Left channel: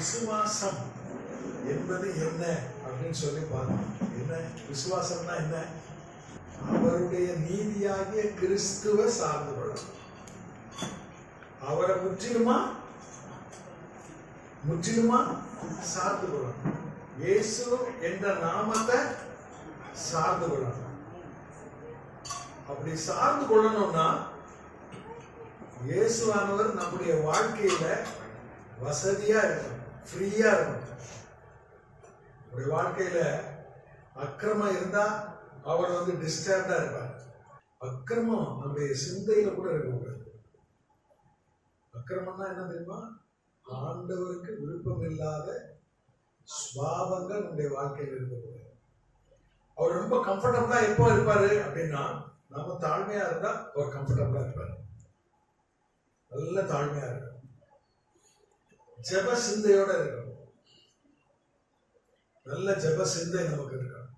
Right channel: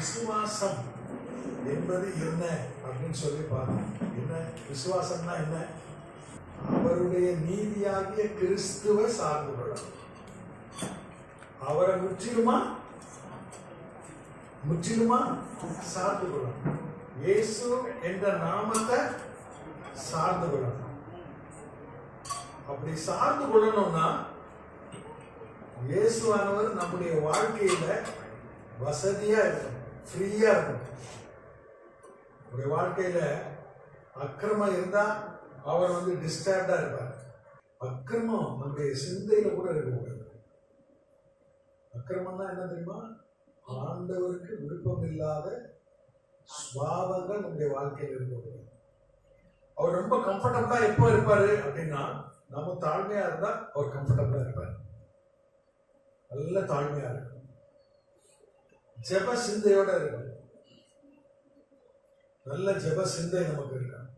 விசுவாசம் என்பது என்ன அப்படின்னு சொல்லி பார்த்தோம். என்ன விசுவாசம்னா என்ன? அவருடைய நீதியாகிய கிறிஸ்துவ சார்ந்து கொள்ளணும். அவரை முற்றிலுமா சார்ந்து கொள்ளணும். இயேசு என்ற நாமத்தை சார்ந்து கொள்ளணும். அப்படி சார்ந்து கொள்ளணும்னா இயேசுவானவர் நம்முடைய வாழ்க்கையில வசதியா இருக்கணும், ஃப்ரீயா இருக்கணும். நம்முடைய வாழ்க்கையில அக்கிரமம் இருந்தா அவர் டிஸ்டர்ப்டா இருப்பார். அக்கிரமம் நம்முடைய சிந்தையில கூட இருக்கக்கூடாது. அக்கிரமம்னா என்ன தெரியுமா? ஆண்டவருக்கு விருப்பம் இல்லாத சுபாவங்கள் நம்முடைய வாழ்க்கையில் இருக்கக்கூடாது. அவர் ரொம்ப கம்ஃபர்டபுளா எப்போ இருப்பாரு அப்படின்னா, நம்ம தாழ்மையா இருந்தா அவர் கம்ஃபர்டபுளா இருப்பார். நல்ல தாழ்மையா இருக்கும், ஜெப சிந்தையோட இருக்கும். நல்ல ஜெப சிந்தை நமக்கு இருக்கணும்.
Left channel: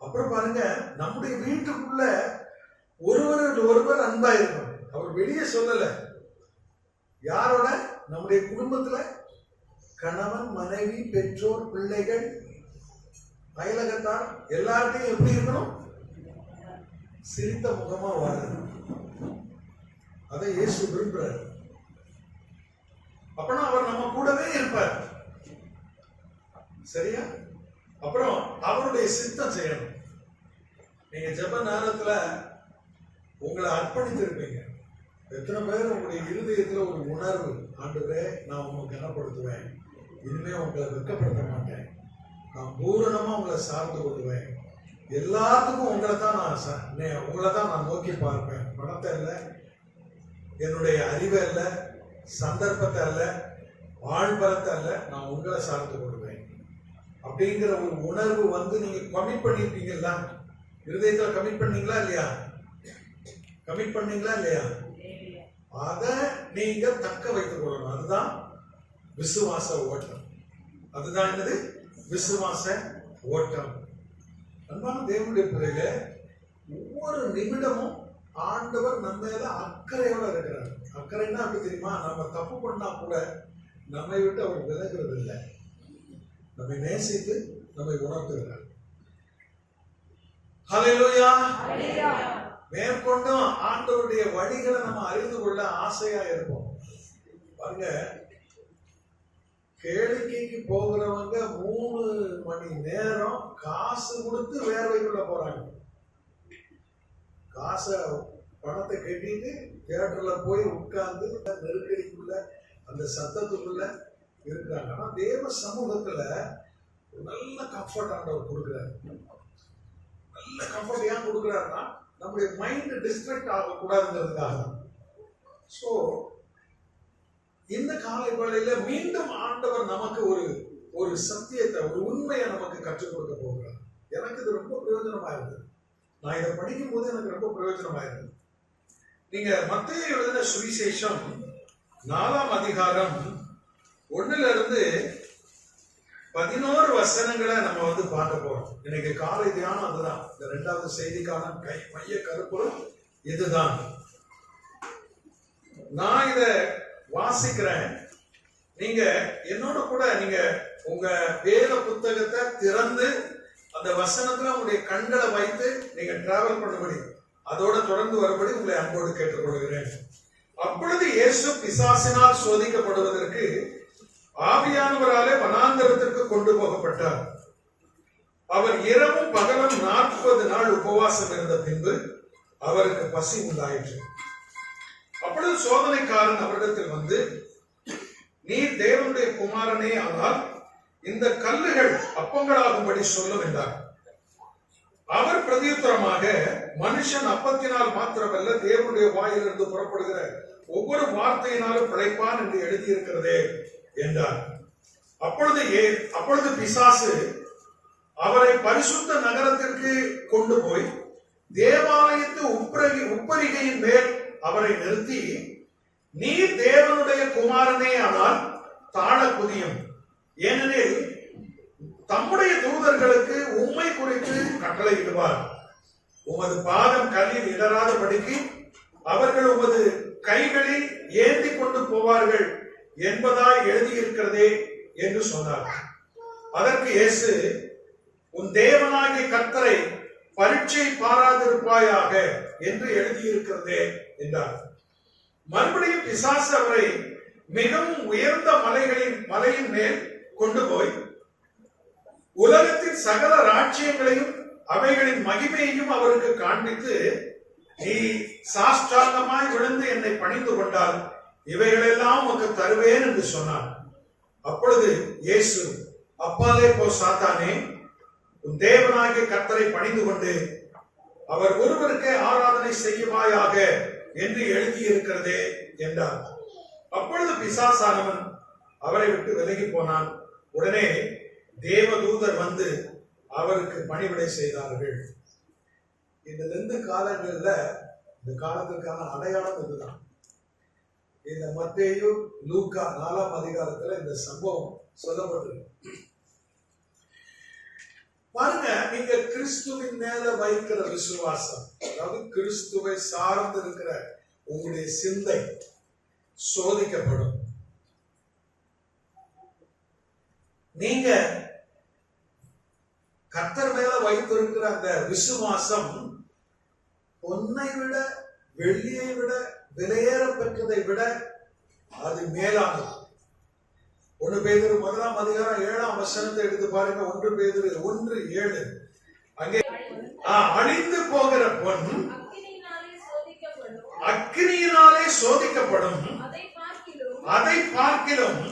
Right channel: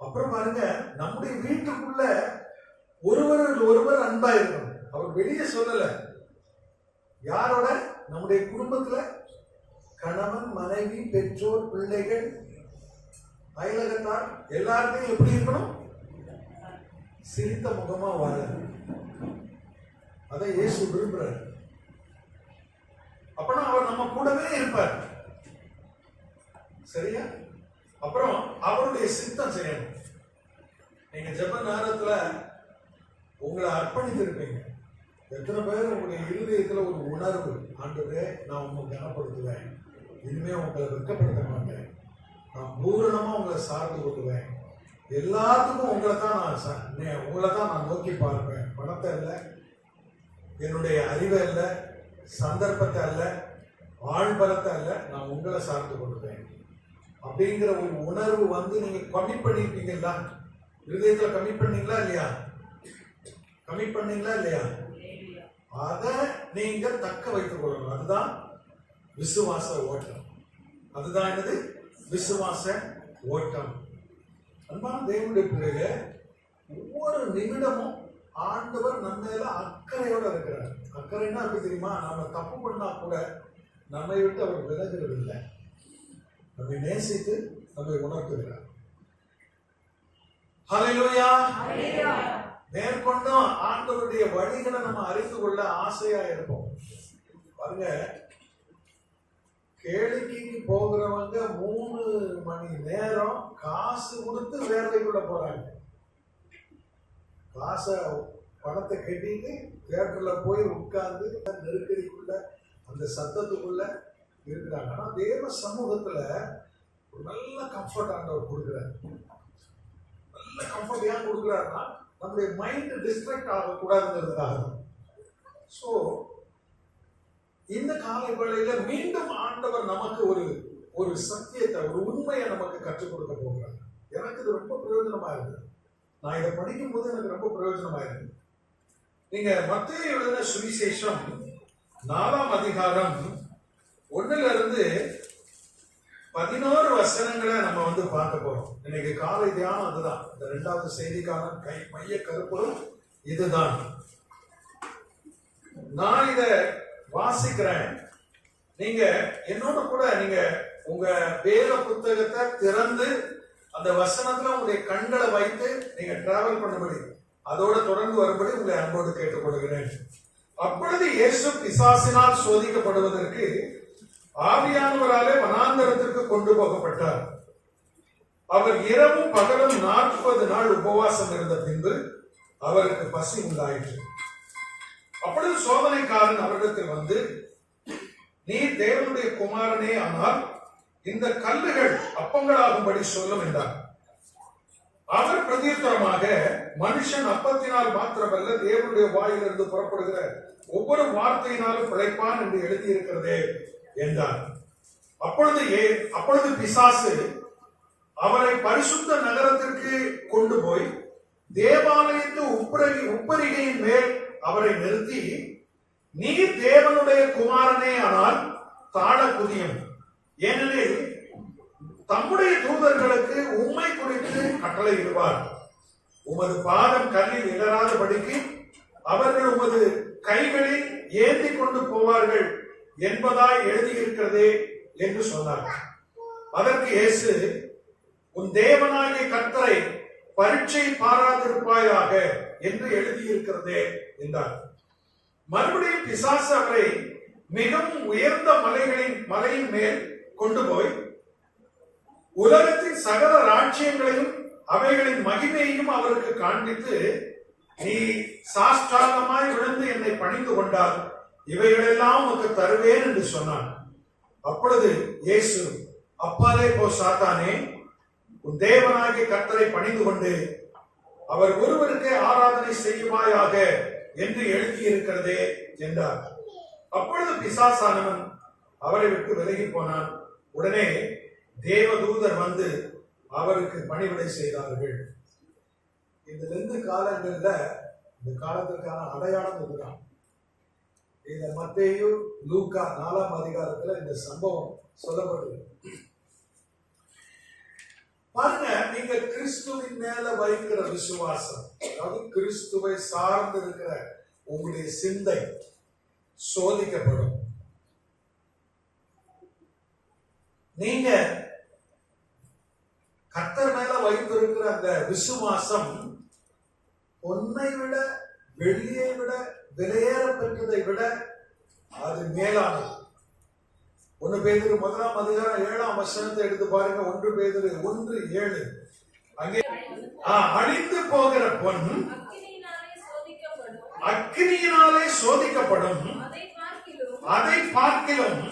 அப்புறம் பாருங்க, நம்முடைய வீட்டுக்குள்ள ஒருவர் அன்பா இருக்கணும். அவர் வெளியே சொல்லல. யாரோட? நம்முடைய குடும்பத்துல கணவன், மனைவி, பெற்றோர், பிள்ளைகள், அயலகத்தார் எல்லார்ட்டையும் எப்படி இருக்கணும்? சிரித்த முகமா வாழணும். அதை இயேசு விரும்புறார். அப்பனா அவர் நம்ம கூடவே இருப்பார். சரியா? அப்புறம் அவருடைய சித்தம் செய்யணும். நீங்க ஜெப நேரத்துல உங்களை அர்ப்பணித்து இருப்பீங்க. எத்தனை பேர் உங்களுடைய இருதயத்துல ஒரு உணர்வு, ஆண்டவரே நான் உங்களை கனப்படுத்துவேன், இனிமே உங்களை வெட்கப்படுத்த மாட்டேன், நான் பூரணமா உங்களை சார்ந்து கொள்ளுவேன், எல்லாத்துக்கும் உங்களை தான் நான் நோக்கி பார்ப்பேன், பணத்தை இல்லை, என்னுடைய அறிவை இல்லை, சந்தர்ப்பத்தை அல்ல, ஆழ்பலத்தை அல்ல, நான் உங்களை சார்ந்து கொள்ளுவேன் அப்படிங்கிற ஒரு உணர்வு நீங்க கமிட் பண்ணிருப்பீங்களா? இருதயத்துல கமிட் பண்ணீங்களா இல்லையா? கமிட் பண்ணீங்களா இல்லையா? அதை நீங்க தக்க வைத்துக் கொள்ளணும். அதுதான் விசுவாச ஓட்டம். அதுதான் என்னது? விசுவாச ஓட்டம். அன்பான தேவனுடைய பிள்ளைகளே, ஒவ்வொரு நிமிடமும் ஆண்டவர் நம்ம மேல அக்கறையோட இருக்கிறார். அக்கறைன்னா அப்படி தெரியுமா? நம்ம தப்பு பண்ணா கூட நம்மை விட்டு அவர் விலகிறது இல்லை. நம்மை நேசித்து நம்மை உணர்த்துகிறார். ஹல்லேலூயா. மேற்கொண்டும் ஆண்டவருடைய வழிகளை நம்ம அறிந்து கொள்ள ஆசையா இருப்போம். பாருங்க, கேளிக்கைக்கு போகிறவங்க 3 மணி நேரம் காசு கொடுத்து வேர்வைக்குள்ள போறாங்க. பணத்தை கட்டிட்டு தியேட்டர்ல போய் உட்கார்ந்து நெருக்கடிக்குள்ள அந்த சத்தத்துக்குள்ள இருக்கிறாங்க. ஆனா தேவ சமூகத்துல ஒரு நல்ல கம்ஃபர்ட் ஆண்டவர் கொடுக்கிறார். நல்ல கம்ஃபர்ட் ஏன் கொடுக்கிறாருன்னா, நம்முடைய மைண்ட் டிஸ்ட்ராக்ட் ஆகக்கூடாதுங்கிறதுக்காக தான். ஸோ இந்த காலை வேளையில மீண்டும் ஆண்டவர் நமக்கு ஒரு சத்தியத்தை, ஒரு உண்மையை நமக்கு கற்றுக் கொடுக்க போகிறார். எனக்கு இது ரொம்ப பிரயோஜனமா இருக்குது. நான் இதை படிக்கும் போது எனக்கு ரொம்ப பிரயோஜனமா இருக்குது. நீங்க மத்தேயு எழுதின சுவிசேஷம் 4ஆம் அதிகாரம் 1 11 வசனங்களை நம்ம பார்க்க போறோம். இன்னைக்கு காலை தியானம் அதுதான். இந்த 2வது செய்திக்கான மைய கருப்பொருள் இதுதான். நான் இத வாசிக்கிறேன். நீங்க என்னோட கூட நீங்க உங்க வேத புத்தகத்தை திறந்து அந்த வசனத்துல உங்களுடைய கண்களை வைத்து நீங்க டிராவல் பண்ணபடி, அதோட தொடர்ந்து வரும்படி உங்களை அன்போடு கேட்டுக்கொள்கிறேன். அப்பொழுது இயேசு பிசாசினால் சோதிக்கப்படுவதற்கு ஆவியானவராலே வனாந்தரத்திற்கு கொண்டு போகப்பட்டார். அவர் இரவும் பகலும் 40 நாள் உபவாசம் இருந்த பின்பு அவருக்கு பசி உண்டாயிற்று. அப்பொழுது சோதனைக்காரன் அவரிடத்தில் வந்து, நீர் தேவனுடைய குமாரனே ஆனால் இந்த கல்லுகள் அப்பங்களாகும்படி சொல்லும் என்றார். அவர் பிரதியுத்தரமாக, மனுஷன் அப்பத்தினால் மாத்திரமல்ல தேவனுடைய வாயிலிருந்து புறப்படுகிற ஒவ்வொரு வார்த்தையினாலும் பிழைப்பான் என்று எழுதியிருக்கிறதே என்றார். அப்பொழுது பிசாசு அவரை பரிசுத்த நகரத்திற்கு கொண்டு போய் தேவாலயத்து உப்பரிகையின் மேல் அவரை நிறுத்தி, நீர் தேவனுடைய குமாரனே ஆனால் தாழ குதியும், ஏனெனில் தம்முடைய தூதர்களுக்கு உம்மை குறித்து கட்டளையிடுவார், உமது பாதம் கல்லில் இடராதபடிக்கு அவர்கள் உமது கைகளில் ஏந்தி கொண்டு போவார்கள் என்பதாய் எழுதியிருக்கிறதே என்று சொன்னார். அதற்கு இயேசு, உன் தேவனாகிய கர்த்தரை பரீட்சை பாராதிருப்பாயாக என்று எழுதியிருக்கிறதே என்றார். மறுபடியும் பிசாசு அவரை மிகவும் உயர்ந்த மலையின் மேல் கொண்டு போய் உலகத்தின் சகல ராஜ்யங்களையும் அவைகளின் மகிமையையும் அவருக்கு காண்பித்து, நீ சாஷ்டாங்கமாய் விழுந்து என்னை பணிந்து கொண்டால் இவைகளெல்லாம் உனக்கு தருவேன் என்று சொன்னான். அப்பொழுது இயேசு, அப்பாலே போ சாத்தானே, உன் தேவனாகிய கர்த்தரை பணிந்து கொண்டு அவர் ஒருவருக்கே ஆராதனை செய்வாயாக என்று எழுதியிருக்கிறதே என்றார். அப்பொழுது பிசாசானவன் அவரை விட்டு விலகி போனான். உடனே தேவதூதர் வந்து அவருக்கு பணிவிடை செய்தார்கள். இந்த 2 காலங்கள்ல இந்த காலத்திற்கான அடையாளம் இதுதான். இந்த மத்தேயு, லூக்கா 4ஆம் அதிகாரத்துல இந்த சம்பவம் சொல்லப்பட்டிருக்கு. பாருங்க, நீங்க கிறிஸ்துவின் மேல வைக்கிற விசுவாசம், அதாவது கிறிஸ்துவை சார்ந்து இருக்கிற உங்களுடைய சிந்தை சோதிக்கப்படும். நீங்க கர்த்தர் மேல வைத்திருக்கிற அந்த விசுவாசம் பொன்னை விட, வெள்ளியை விட, விலையேற பெற்றதை விட அது மேலானது. 1 பேதுரு 1ஆம் அதிகாரம் 7ஆம் வசனத்தை எடுத்து பாருங்க. 1 பேதுரு 1:7. அங்கே அழிந்து போகிற பொன் அக்கினியினாலே சோதிக்கப்படும், அதை பார்க்கிலும்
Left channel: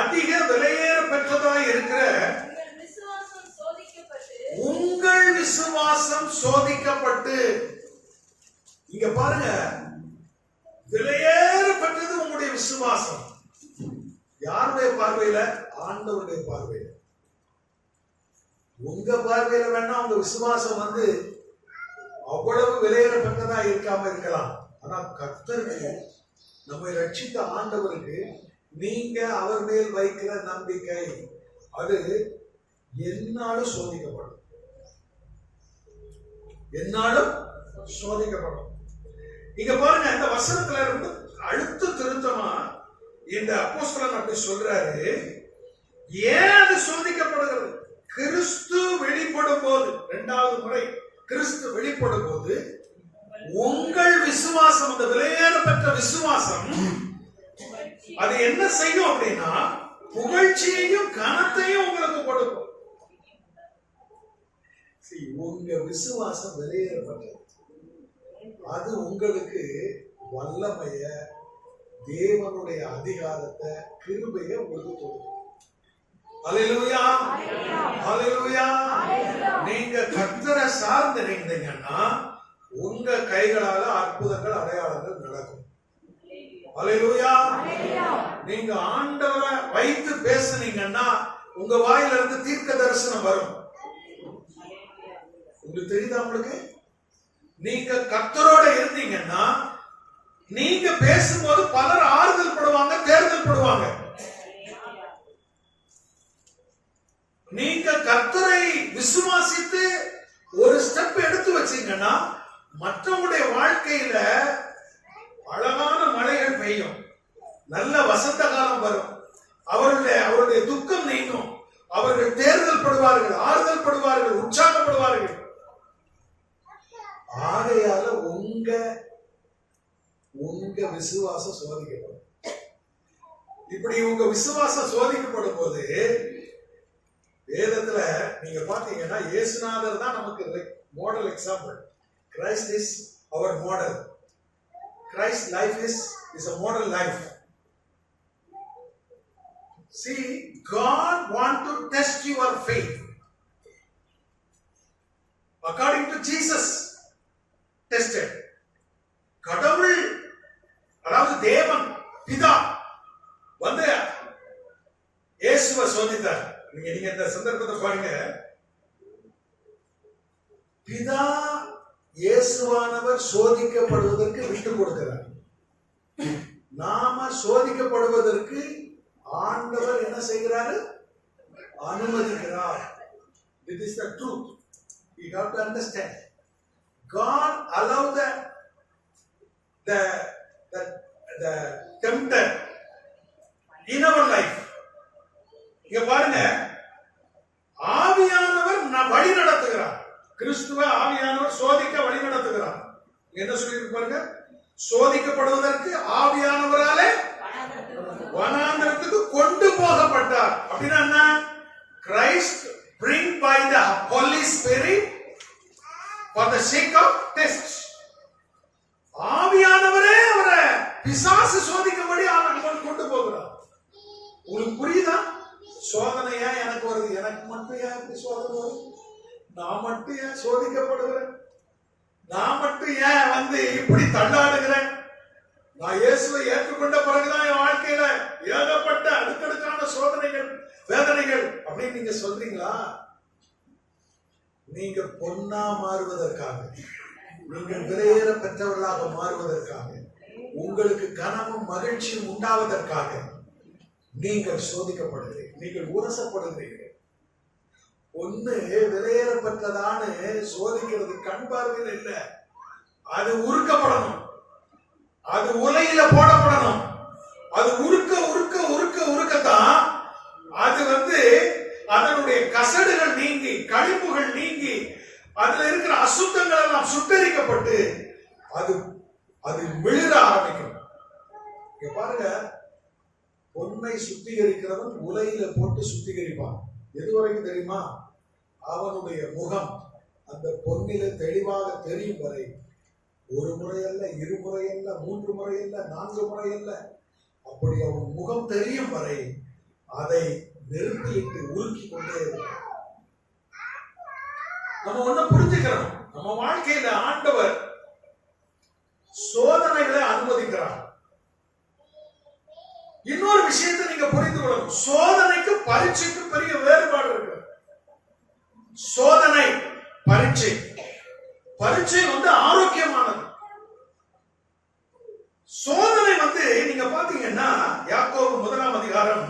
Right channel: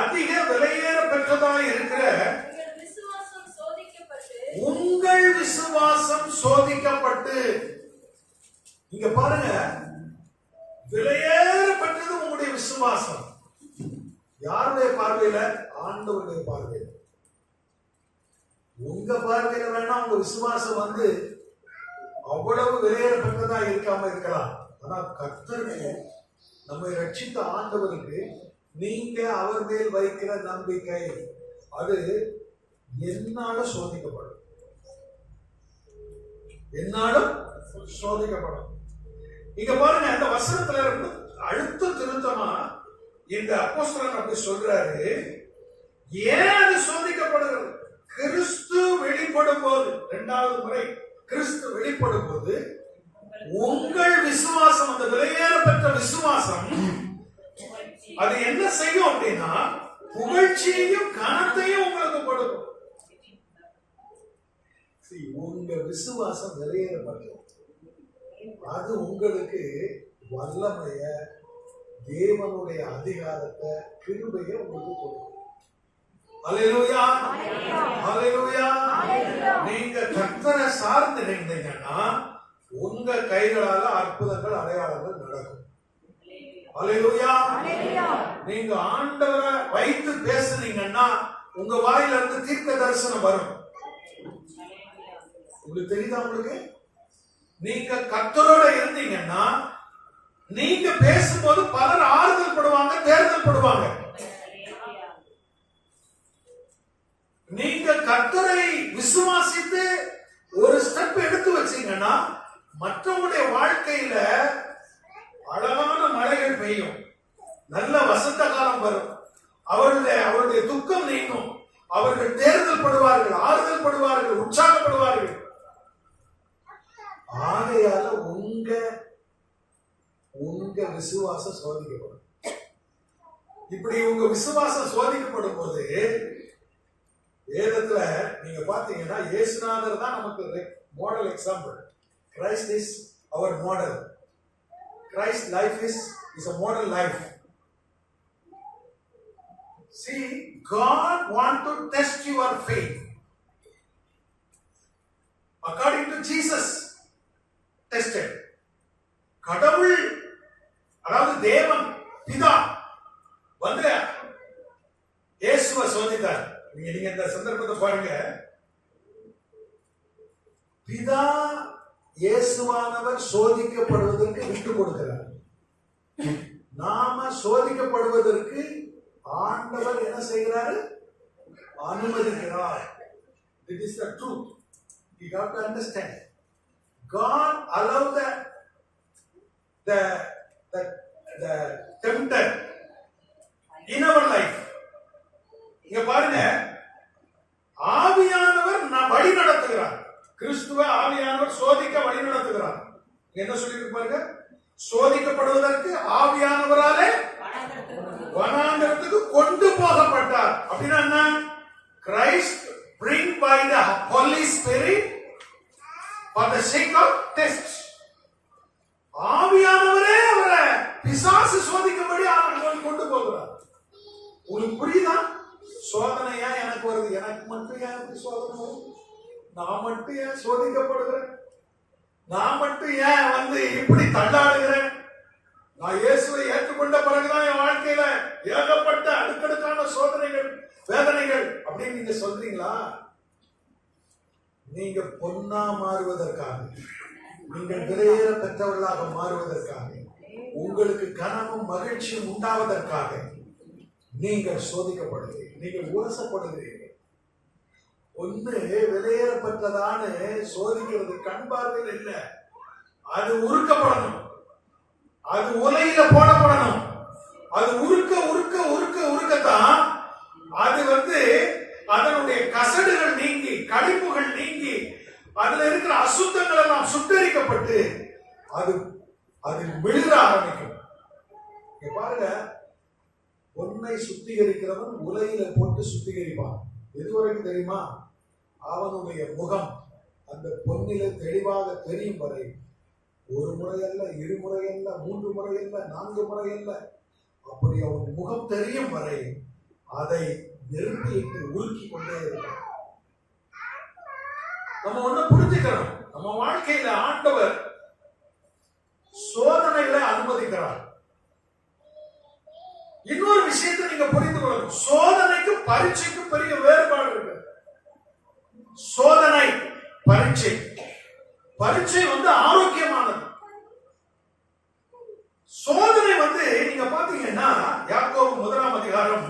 அதிக விலையேற பெற்றதாய் இருக்கிற உங்கள் விசுவாசம் சோதிக்கப்பட்டு. இங்க பாருங்க, விலையேற பெற்றது உங்களுடைய விசுவாசம். யாருடைய பார்வையில? ஆண்டவருடைய பார்வையில. உங்க பார்வையில வேணா உங்க விசுவாசம் அவ்வளவு விலையேற பெற்றதா இருக்காம இருக்கலாம். ஆனா கர்த்தருக்கு, நம்மை ரட்சித்த ஆண்டவருக்கு நீங்க அவர் மேல் வைக்கிற நம்பிக்கை அது என்னாலும் சோதிக்கப்படும். என்னாலும் சோதிக்கப்படும். இங்க பாருங்க, இந்த வசனத்துல இருந்து அழுத்த திருத்தமா இந்த அப்போஸ்தலன் அப்படி சொல்றாரு. ஏன் அது சோதிக்கப்படுகிறது? கிறிஸ்து வெளிப்படும் போது, 2வது முறை கிறிஸ்து வெளிப்படும் போது உங்கள் விசுவாசம், அந்த விலையேற பெற்ற விசுவாசம், அது என்ன செய்யும் அப்படின்னா புகழ்ச்சியையும் கனத்தையும் உங்களுக்கு கொடுக்கும். உங்க விசுவாசம் விலையேறப்பட்டது. அது உங்களுக்கு வல்லமைய, தேவனுடைய அதிகாரத்தை, கிருபையை உங்களுக்கு கொடுக்கும். அல்லேலூயா, அல்லேலூயா. நீங்க கர்த்தரை சார்ந்து இருந்தீங்கன்னா உங்க கைகளால அற்புதங்கள், அடையாளங்கள் நடக்கும். அல்லேலூயா. நீங்க ஆண்டவரை வைத்து பேசுனீங்கன்னா உங்க வாயில இருந்து தீர்க்க தரிசனம் வரும். உங்களுக்கு தெரியுதா? உங்களுக்கு நீங்க கர்த்தரோட இருந்தீங்கன்னா நீங்க பேசும்போது பலர் ஆறுதல் படுவாங்க, தேர்தல் படுவாங்க. நீங்க கர்த்தரை விசுவாசித்து ஒரு ஸ்டெப் எடுத்து வச்சீங்கன்னா மற்றவங்களுடைய வாழ்க்கையில அழகான மழைகள் பெய்யும், நல்ல வசந்த காலம் வரும், அவருடைய துக்கம் நீங்கும், அவர்கள் தேர்தல் படுவார்கள், ஆறுதல் படுவார்கள், உற்சாகப்படுவார்கள். ஆகையால உங்க விசுவாசம் சோதிக்கப்படும். இப்படி உங்க விசுவாசம் சோதிக்கப்படும் போது வேதத்துல நீங்க பாத்தீங்கன்னா இயேசுநாதர் தான் நமக்கு model example. Christ is our model. Christ's life is a model life. See, God wants to test your faith. According to Jesus tested. கடவுள், அதாவது தேவன் பிதா இயேசுவை சோதித்தார். நீங்க இந்த சந்தர்ப்பத்தை பாருங்க. பிதா இயேசுவானவர் சோதிக்கப்படுவதற்கு விட்டு கொடுக்கிறார். நாம சோதிக்கப்படுவதற்கு ஆண்டவர் என்ன செய்கிறாரு? அனுமதிக்கிறார். This is the truth. You have to understand. God allowed the tempter in our life. இங்க பாருங்க, ஆவியானவர் வழி நடத்துகிறார். கிறிஸ்துவ ஆவியானவர் சோதிக்க வழி நடத்துகிறார். என்ன சொல்லிருக்கு பாருங்க, சோதிக்கப்படுவதற்கு ஆவியானவராலே வனாந்தரத்துக்கு கொண்டு போகப்பட்டார். அப்படின்னா என்ன? Christ bring by the Holy Spirit for the sake of tests. ஆவியானவரே அவரை பிசாசு சோதிக்கும்படி கொண்டு போகிறார். உங்களுக்கு புரியுதா? சோதனையா எனக்கு வருது, எனக்கு மட்டும் ஏன் இப்படி சோதனை வரும்? நான் மட்டும் ஏன் சோதிக்கப்படுகிறேன்? நான் மட்டும் ஏன் இப்படி தள்ளாடுகிறேன்? நான் இயேசுவை ஏற்றுக்கொண்ட பிறகுதான் என் வாழ்க்கையில ஏகப்பட்ட அடுக்கடுக்கான சோதனைகள், வேதனைகள் அப்படின்னு நீங்க சொல்றீங்களா? நீங்க பொன்னா மாறுவதற்காக, நீங்கள் விலையேற பெற்றவர்களாக மாறுவதற்காக, உங்களுக்கு கனமும் மகிழ்ச்சியும் உண்டாவதற்காக நீங்கள் சோதிக்கப்படுகிறீர்கள், நீங்கள் உரசப்படுகிறீர்கள். ஒண்ணு விலையேறப்பட்டதான சோதிக்கிறது கண் பார்வையில் இல்ல, அது உருக்கப்படணும், அது உலையில போடப்படணும். அது உருக்க உருக்க உருக்க உருக்கத்தான் அது அதனுடைய கசடுகள் நீங்கி, கழிப்புகள் நீங்கி, அதுல இருக்கிற அசுத்தங்கள் எல்லாம் சுட்டரிக்கப்பட்டு அது அதில் விழுற ஆரம்பிக்கும். பாருங்க, பொன்னை சுத்திகரிக்கிறவன் உலையில போட்டு சுத்திகரிப்பான். எதுவரைக்கும் தெரியுமா? அவனுடைய முகம் அந்த பொன்னில தெளிவாக தெரியும் வரை. ஒரு முறை அல்ல, இருமுறை அல்ல, 3 முறை அல்ல, 4 முறை அல்ல, அப்படி அவன் முகம் தெரியும் வரை அதை நெருப்பிட்டு உருக்கி கொண்டே இருக்கிறான். நம்ம ஒண்ணு புரிஞ்சுக்கிறோம், நம்ம வாழ்க்கையில ஆண்டவர் சோதனைகளை அனுமதிக்கிறார். இன்னொரு விஷயத்தை நீங்க புரிந்து கொள்ளணும், சோதனைக்கு பரீட்சைக்கு பெரிய வேறுபாடு இருக்கு. சோதனை, பரீட்சை. பரீட்சை ஆரோக்கியமானது. சோதனை நீங்க பாத்தீங்கன்னா யாக்கோபு 1 அதிகாரம்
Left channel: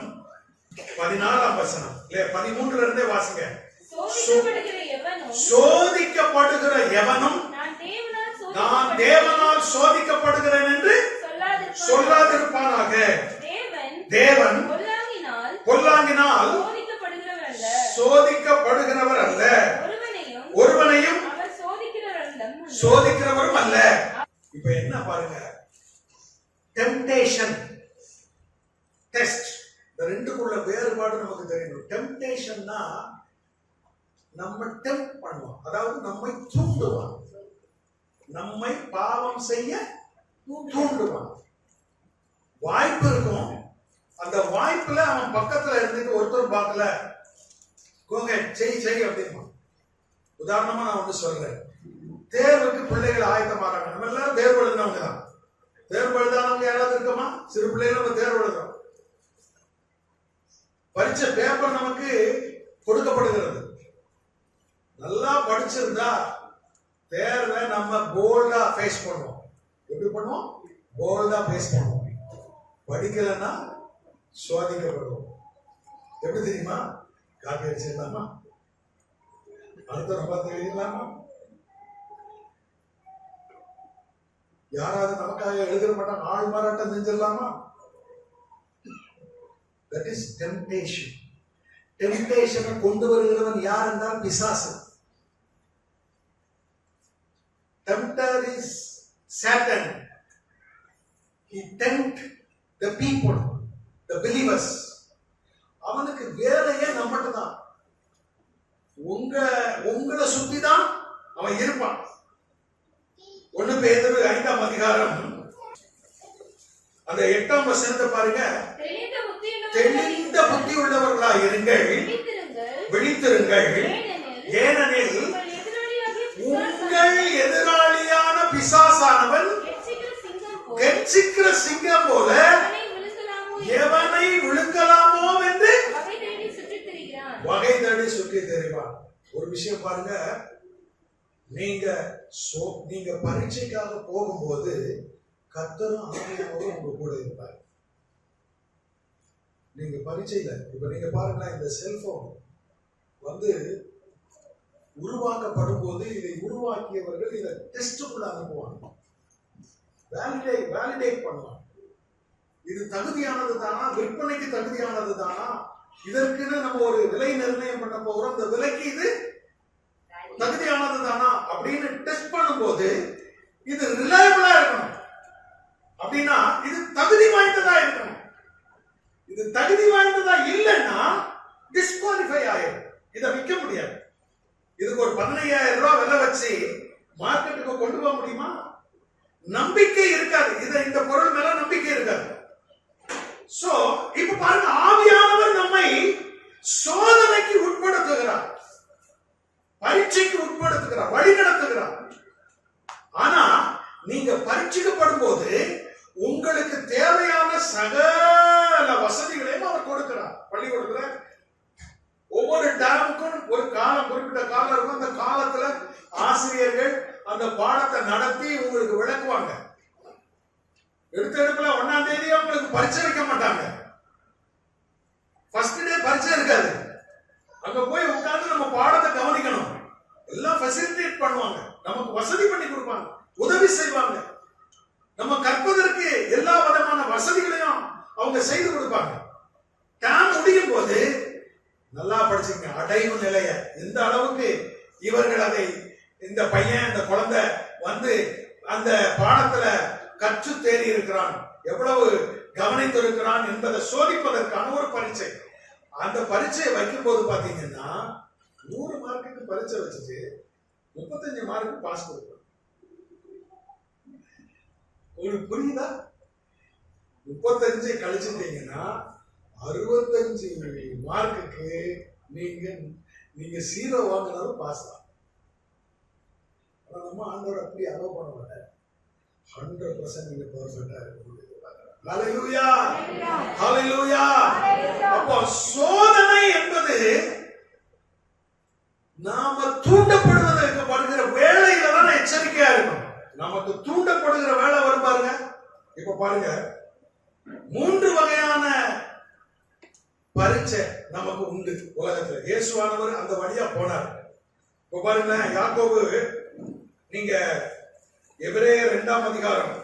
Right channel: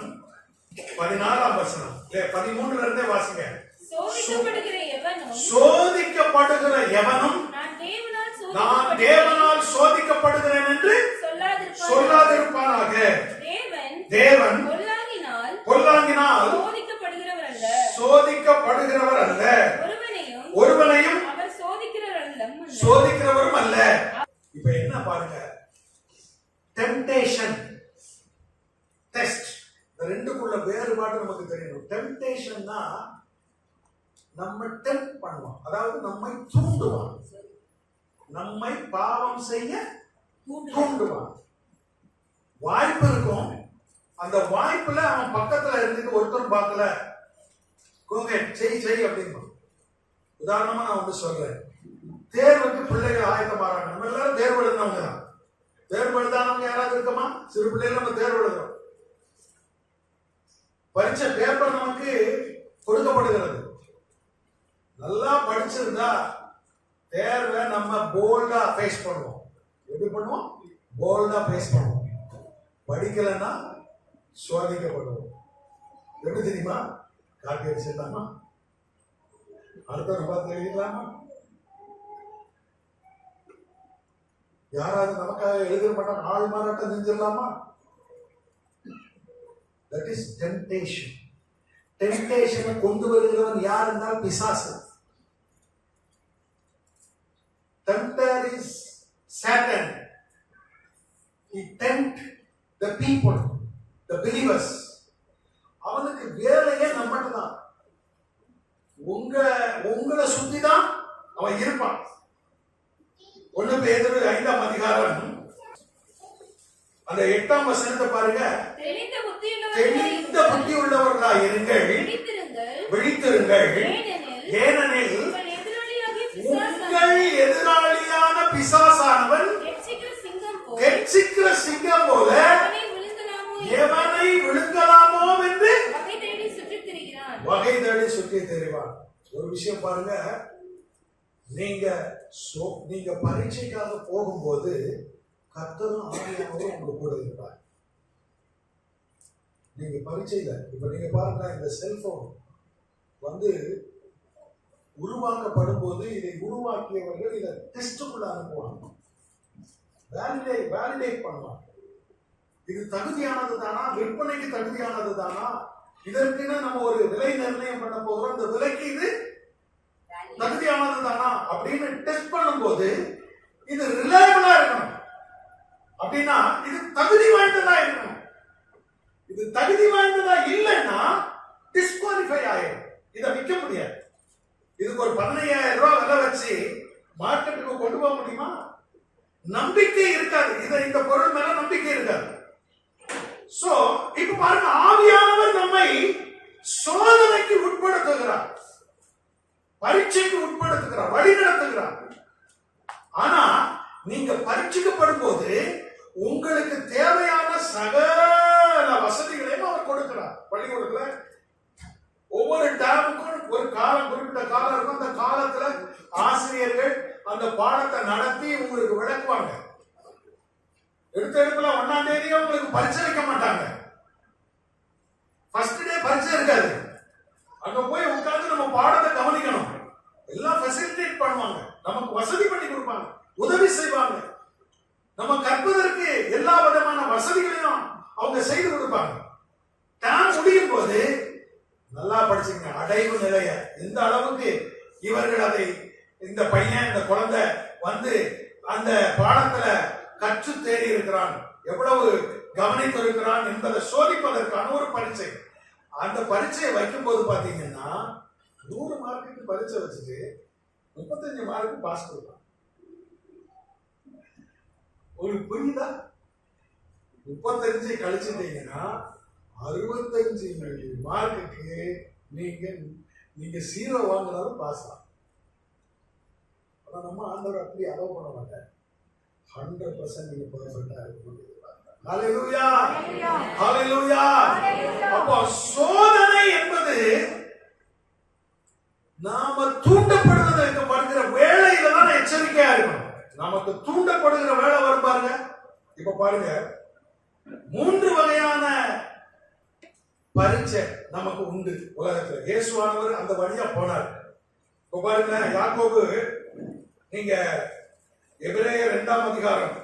14 வசனம் 13 இருந்தே வாசிங்க. சோதிக்கப்படுகிற எவனும் நான் தேவனால் சோதிக்கப்படுகிறேன் என்று சொல்லாதிருப்பானாக. தேவன் பொல்லாங்கினால் சோதிக்கப்படுகிறவர் அல்ல, ஒருவனையும் சோதிக்கிறவரும் அல்ல. இப்ப என்ன பாருங்க, டெம்டேஷன், டெஸ்ட், இந்த ரெண்டுக்குள்ள வேறுபாடு நமக்கு தெரியணும். டெம்டேஷன்னா நம்ம டெம்ப்ட் பண்ணுவான், அதாவது நம்மை தூண்டுவான், நம்மை பாவம் செய்ய தூண்டுவான். வாய்ப்பு இருக்கும், அந்த வாய்ப்புல அவன் பக்கத்துல இருந்துட்டு ஒருத்தர் பார்க்கல, செய் அப்படிமா. உதாரணமா நான் சொல்றேன், தேர்வுக்கு பிள்ளைகள் ஆயத்தமாறாங்க. நம்ம எல்லாரும் தேர்வு எழுதினவங்க தான். தேர்வு எழுதானவங்க யாராவது இருக்கமா? சிறு பிள்ளைகள் நம்ம தேர்வு எழுதுறோம். பரீட்சை பேப்பர் நமக்கு கொடுக்கப்படுகிறது. நல்லா படிச்சிருந்தா தேர்வை நம்ம போல்டா ஃபேஸ் பண்ணுவோம். எப்படி பண்ணுவோம்? போல்டா ஃபேஸ் பண்ணுவோம். படிக்கலன்னா சோதிக்கப்படுவோம். எப்படி தெரியுமா? காப்பி அடிச்சிடலாமா? அடுத்த பார்த்து எழுதிடலாமா? யாராவது நமக்காக எழுத மாட்டாங்க, ஆள் மாறாட்டம் செஞ்சிடலாமா? That is temptation. Temptation கொண்டு வருகிறவன் யார் என்றால் பிசாசு. Tempter is Satan. He tempt the people, the believers. அவனுக்கு வேலையே நம்மகிட்ட தான். உங்களை சுத்தி தான் அவன் இருப்பான். 1 பேதுரு 5 அதிகாரம் அந்த 8 வசனத்தை பாருங்க. தெளிந்த புத்தி உள்ளவர்களாக இருங்கள், விழித்திருங்கள், ஏனெனில் உங்கள் எதிராளியான பிசாசானவன் கெர்ச்சிக்கிற சிங்கம் போல எவனை விழுங்கலாமோ என்று வகை தேடி சுற்றி தெரிவான். ஒரு விஷயம் பாருங்க, நீங்க பரீட்சைக்காக போகும்போது கர்த்தரும் ஆவியானவரும் உங்க கூட இருப்பார். நீங்க பரீட்சையில இப்ப நீங்க பாருங்களேன், இந்த செல்போன் உருவாக்கப்படும் போது இதை உருவாக்கியவர்கள் இதை டெஸ்டுக்குள்ள அனுப்புவாங்க, வேலிடேட் பண்ணுவாங்க. இது தகுதியானது தானா, விற்பனைக்கு தகுதியானது தானா, இதற்குன்னு நம்ம ஒரு விலை நிர்ணயம் பண்ண போகிறோம், இந்த விலைக்கு இது தகுதியானது தானா அப்படின்னு டெஸ்ட் பண்ணும்போது இது ரிலையபிளா இருக்கணும். அப்படின்னா இது தகுதி வாய்ந்ததா இருக்கணும். இது தகுதி வாய்ந்ததா இல்லைன்னா டிஸ்குவாலிஃபை ஆயிடும். இதை விற்க முடியாது. இதுக்கு ஒரு 15,000 ரூபாய் விலை வச்சு மார்க்கெட்டுக்கு கொண்டு போக முடியுமா? நம்பிக்கை இருக்காது. இந்த பொருள் மேல நம்பிக்கை இருக்காது. சோ இப்ப பாருங்க, ஆவியானவர் நம்மை சோதனைக்கு உட்படுத்துகிறார், பரீட்சைக்கு உட்படுத்துகிறார், வழி நடத்துகிறார். ஆனா நீங்க பரீட்சிக்கப்படும் போது உங்களுக்கு தேவையான சகல வசதிகளையும் அவர் கொடுக்கிறார். பள்ளிக்கூடத்துல ஒவ்வொரு டேமுக்கும் ஒரு காலம், குறிப்பிட்ட காலம் இருக்கும். அந்த காலத்துல ஆசிரியர்கள் அந்த பாடத்தை நடத்தி உங்களுக்கு விளக்குவாங்க. எடுப்புல 1ஆம் தேதியே உங்களுக்கு பரீட்சை வைக்க மாட்டாங்க. ஃபர்ஸ்ட் டே பரீட்சை இருக்காது. அங்க போய் உட்கார்ந்து நம்ம பாடத்தை கவனிக்கணும். எல்லாம் ஃபெசிலிட்டேட் பண்ணுவாங்க, நமக்கு வசதி பண்ணி கொடுப்பாங்க, உதவி செய்வாங்க. நம்ம கற்பதற்கு எல்லா விதமான வசதிகளையும் அவங்க செய்து கொடுப்பாங்க. டேம் முடியும் போது நல்லா படிச்சுங்க, அடைவு நிலைய எந்த அளவுக்கு இவர்கள் அதை, இந்த பையன், இந்த குழந்தை வந்து அந்த பாடத்துல கற்று தேறி இருக்கிறான், எவ்வளவு கவனித்திருக்கிறான் என்பதை சோதிப்பதற்கான ஒரு பரீட்சை. அந்த பரீட்சையை வைக்கும் போது பாத்தீங்கன்னா 100 மார்க்குக்கு பரீட்சை வச்சுட்டு 35 மார்க்கு பாஸ் கொடுப்பான். உங்களுக்கு புரியுதா? 35 கழிச்சுட்டீங்கன்னா 65 மார்க்குக்கு நீங்க 0 வாங்கினாலும் பாஸ் தான். ஆனா நம்ம ஆண்டவர் அப்படி அலோவ் பண்ண மாட்டார். 100% நீங்க பெர்ஃபெக்ட்டா இருக்கணும். ஹalleluya, ஹalleluya. அப்போ சோதனை என்பது நாம தூண்டப்படுவதற்கு படுகிற வேளையில தான் எச்சரிக்கையா இருக்கணும். நமக்கு தூண்டப்படுகிற வேலை வரும் பாருங்க. இப்ப பாருங்க, 3 வகையான பரீட்சை நமக்கு உண்டு உலகத்துல. இயேசுவானவர் அந்த வழியா போனார். இப்ப பாருங்க, யாக்கோபு, நீங்க எபிரேயர் 2ஆம் அதிகாரம்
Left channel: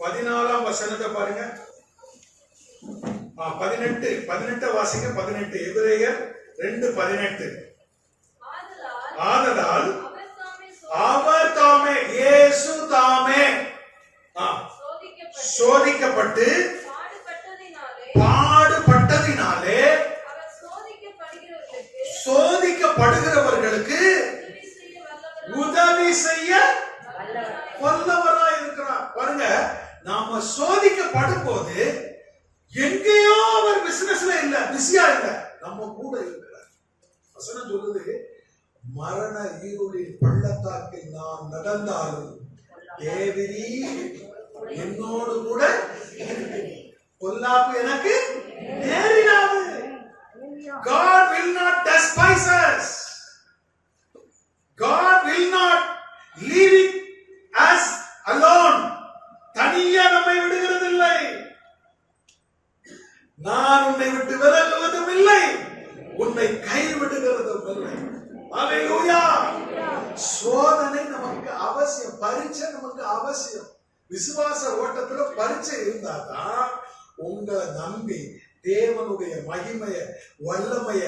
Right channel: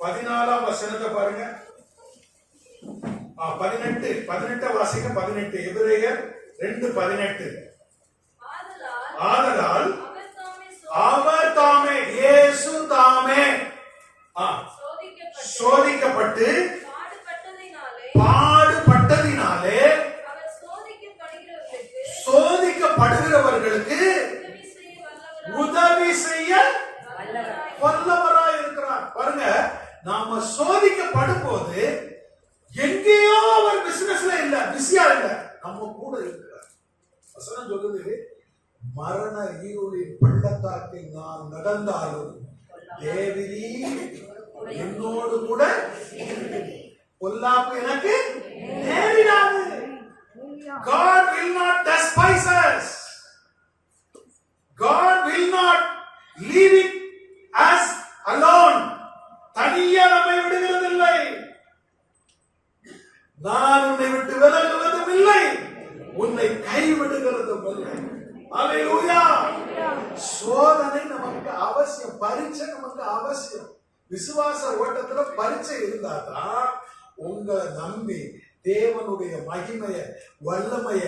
14ஆம் வசனத்தை பாருங்க. 18 வாசிங்க. 18 எபிரேயர் 2:18. ஆதலால் அவர் தாமே, இயேசு தாமே சோதிக்கப்பட்டு பாடுபட்டதினாலே சோதிக்கப்படுகிறவர்களுக்கு உதவி செய்ய வல்லவராய் இருக்கிறார். பாருங்க, நாம சோதிக்கப்படும் போது எங்கேயோ அவர் பிசினஸ்ல இல்ல, பிஸியா இல்ல, நம்ம கூட இருக்கிறார். வசனம் சொல்லுது, மரண இருளின் பள்ளத்தாக்கில் நான் நடந்தாலும் தேவரீ என்னோடு கூட பொல்லாப்பு எனக்கு நேரிடாது. God will not despise us. God will not leave us alone. தனியா நம்மை விடுகிறதில்லை. நான் உன்னை விட்டு விலகுவதும் இல்லை, உன்னை கைவிடுகிறதும் இல்லை. ஹalleluya. சோதனை நமக்கு அவசியம், பரீட்சை நமக்கு அவசியம். விசுவாச ஓட்டத்துல பரீட்சை இருந்தா தான் உங்களை நம்பி தேவனுடைய மகிமைய, வல்லமைய,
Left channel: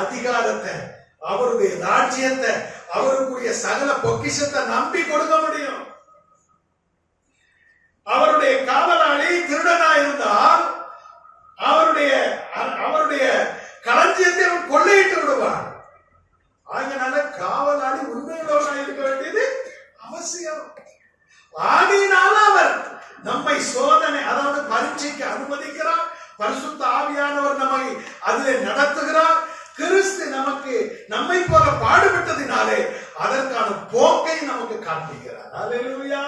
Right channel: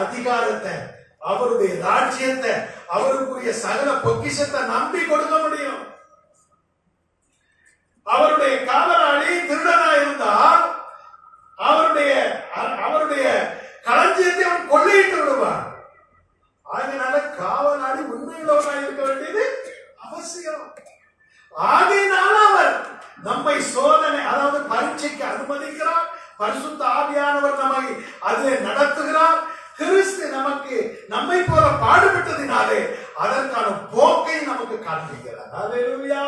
அதிகாரத்தை, அவருடைய ராஜ்யத்தை, அவருக்குரிய சகல பொக்கிஷத்தை நம்பி கொடுக்க முடியும். அவருடைய காவலாளி திருடனா இருந்தால் அவருடைய களஞ்சியத்தை அவன் கொள்ளையிட்டு விடுவான். அதனால காவலாளி உண்மையுள்ளவனா இருக்க வேண்டியது அவசியம். ஆகையினால அவர் நம்மை சோதனை, அதாவது பரீட்சைக்கு அனுமதிக்கிறார். பரிசுத்த ஆவியானவர் நம்மை அதிலே நடத்துகிறார். கிறிஸ்து நமக்கு நம்மை போல பாடுபட்டதினாலே அதற்கான போக்கை நமக்கு காண்பிக்கிறார். ஹalleluya,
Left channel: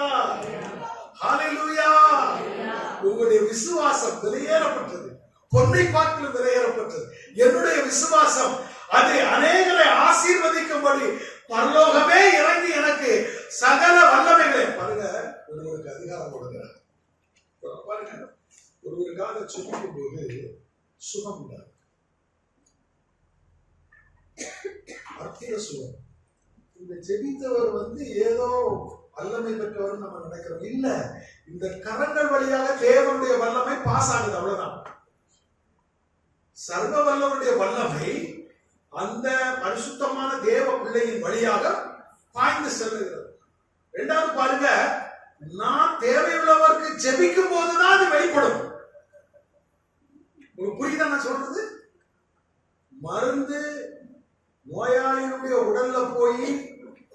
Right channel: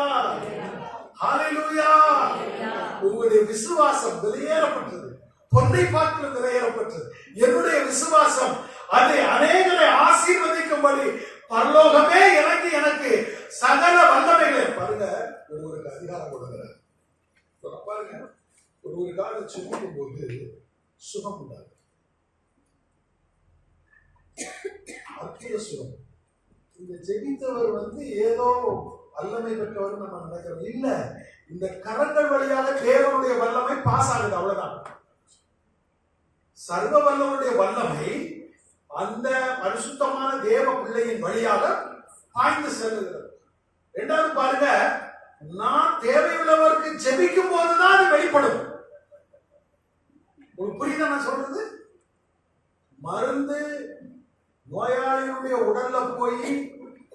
ஹalleluya. உங்களுடைய விசுவாசம் விலையேறப்பட்டது, பொன்னை பார்த்து விலையேறப்பட்டது. என்னுடைய விசுவாசம் அது அநேகரை ஆசீர்வதிக்கும்படி பரலோகமே இறங்கி எனக்கு சகல வல்லமைகளை, பாருங்க, ஒருவருக்கு அதிகாரம் கொடுக்கிறார். பாருங்க, ஒருவருக்காக சொல்லும் போது சுகம் உண்டாது, அற்புத சுகம். இந்த ஜெபித்தவர் ஏதோ வல்லமை பெற்றவர் நம்ம நினைக்கிறோம். இல்ல, இந்த கரங்கள் வழியாக தேவனுடைய தேவனுடைய வல்லமை பாஸ் ஆகுது, அவ்வளவுதான். சர்வ வல்லவருடைய வல்லமை அந்த பரிசுத்தமான தேவ பிள்ளையின் வழியாக பாய்ந்து செல்லுகிறது. இரண்டாவது பாருங்க, நான் தேவையுள்ளவருக்கு ஜெபிக்கும் போதுதான் அது வெளிப்படும். உங்களுக்கு புரியுதா நான் சொல்றது? மருந்து நோயாளியுடைய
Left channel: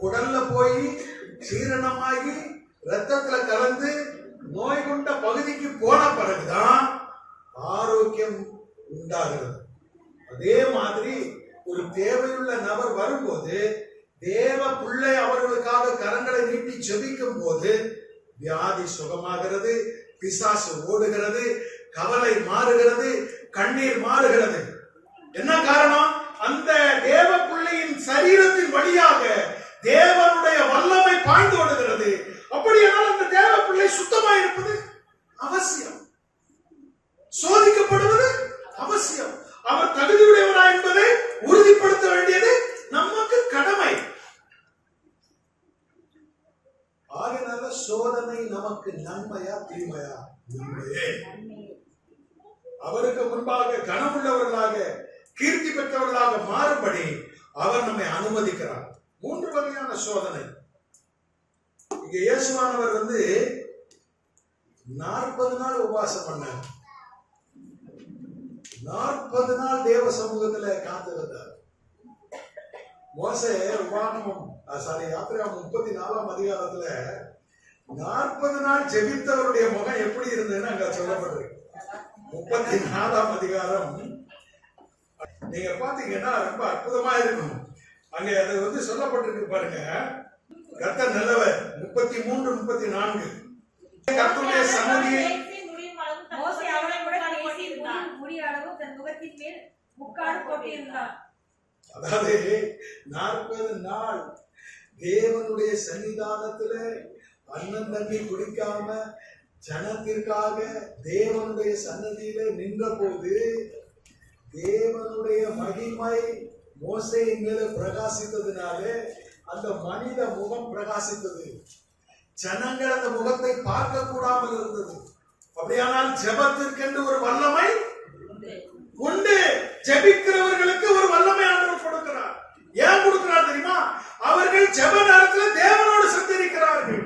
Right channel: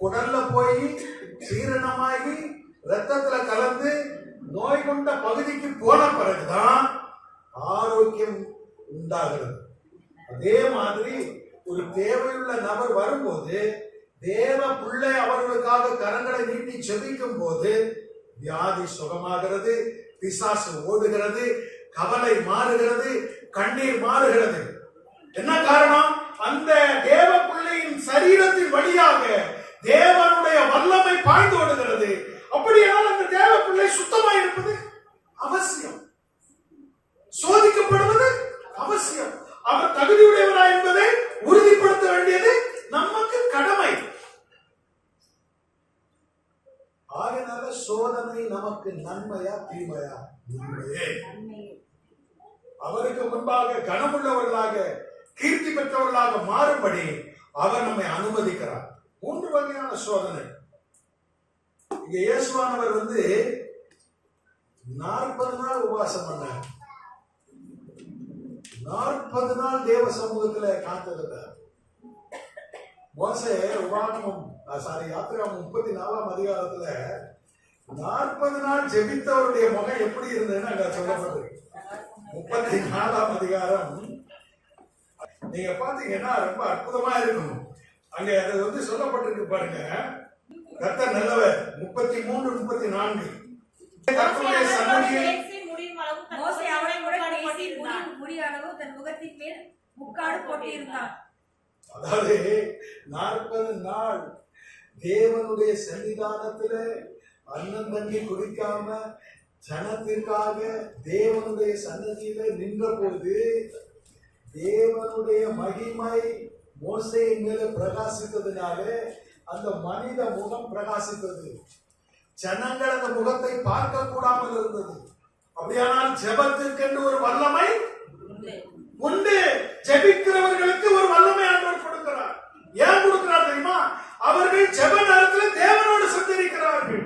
குடல்ல போய் சீரணமாகி ரத்தத்துல கலந்து நோய் கொண்ட பகுதிக்கு போன பிறகுதான் ஆரோக்கியம் உண்டாகிறது. அதே மாதிரி ஒரு தேவையுள்ள நபர் வரும்போது தேவ பிள்ளை அவர்களுக்காக கரங்களை நீட்டி ஜெபிக்கும் போது வியாதி சுகமாகிறது, பிசாசு ஓடுகிறது, கவலை மாறுகிறது, கண்ணீர் மாறுகிறது. என்ன காரணம்? அந்த தேவ பிள்ளையின் சரீரத்தின் வழியாக தேவனுடைய வல்லமை பாய்ந்து ஓடுகிறது. அப்படியானால் அந்த தேவ பிள்ளை சுத்தமாக இருப்பது அவசியம், சோதிக்கப்படுவது அவசியம். அவர் தகுதியுடையவரா என்பதை உறுதிப்படுத்த வேண்டியது நமக்கு கடமை. ஆகினால சோதனை நமக்கு நன்மையா தீமையா? நன்மையே. அவருக்கு முன்பாக கனமுள்ளவர்களாக கீர்த்தி பெற்றவர்களாக மாறும்படி அவர் நம்மை அனுமதிக்கிறார். 3 வகையான சோதனை. இங்க இயேசுவானவர் 40 நாள் உபவாசம் பண்ணார். 40 நாள் தேவ சமூகத்துல காத்திருந்தார். மோசே யாத்திராகமம் 34ஆம் அதிகாரத்துல 40 நாள் ஜெபித்தவருடைய முகம் எப்படி இருந்ததுன்னு அங்க சொல்லப்படுது. 34ஆம் அதிகாரம் நீங்க பாத்தீங்கன்னா ரொம்ப அற்புதமா இருக்கும். அங்க அது சொல்லப்பட்டிருக்கு பாருங்க. கர்த்தர் நல்லவர். 33, 34 கர்த்தருடைய சன்னதியில் மோசே அவரை முடியளவு தன் முகத்தின் மேல் முக்காடு போட்டிருந்தார். அதாவது 40 நாள் தேவனுடைய சன்னிதானத்துல அன்னம் தண்ணி குடிக்காம ஜனத்திற்காக தேவனுடைய சன்னதியில நின்ற போது தேவனுடைய மகிமை மோசேயின் மேல பிரகாசித்ததுனால அந்த மனித முகம் பிரகாசித்தது. ஜனங்கள் அந்த முகத்தை பார்க்க கூடாமல் இருந்தது. அப்படியானால் ஜெபத்திற்கென்று ஒரு வல்லமை உண்டு. ஜெபிக்கிறவர்களுக்கு ஒரு வல்லமை ஆண்டவர் கொடுக்கிறார். ஏன் கொடுக்கிறார் தெரியுமா? அவர்கள் ஜெப நேரத்தில் தேவனோடு சந்திக்கிறார்கள்.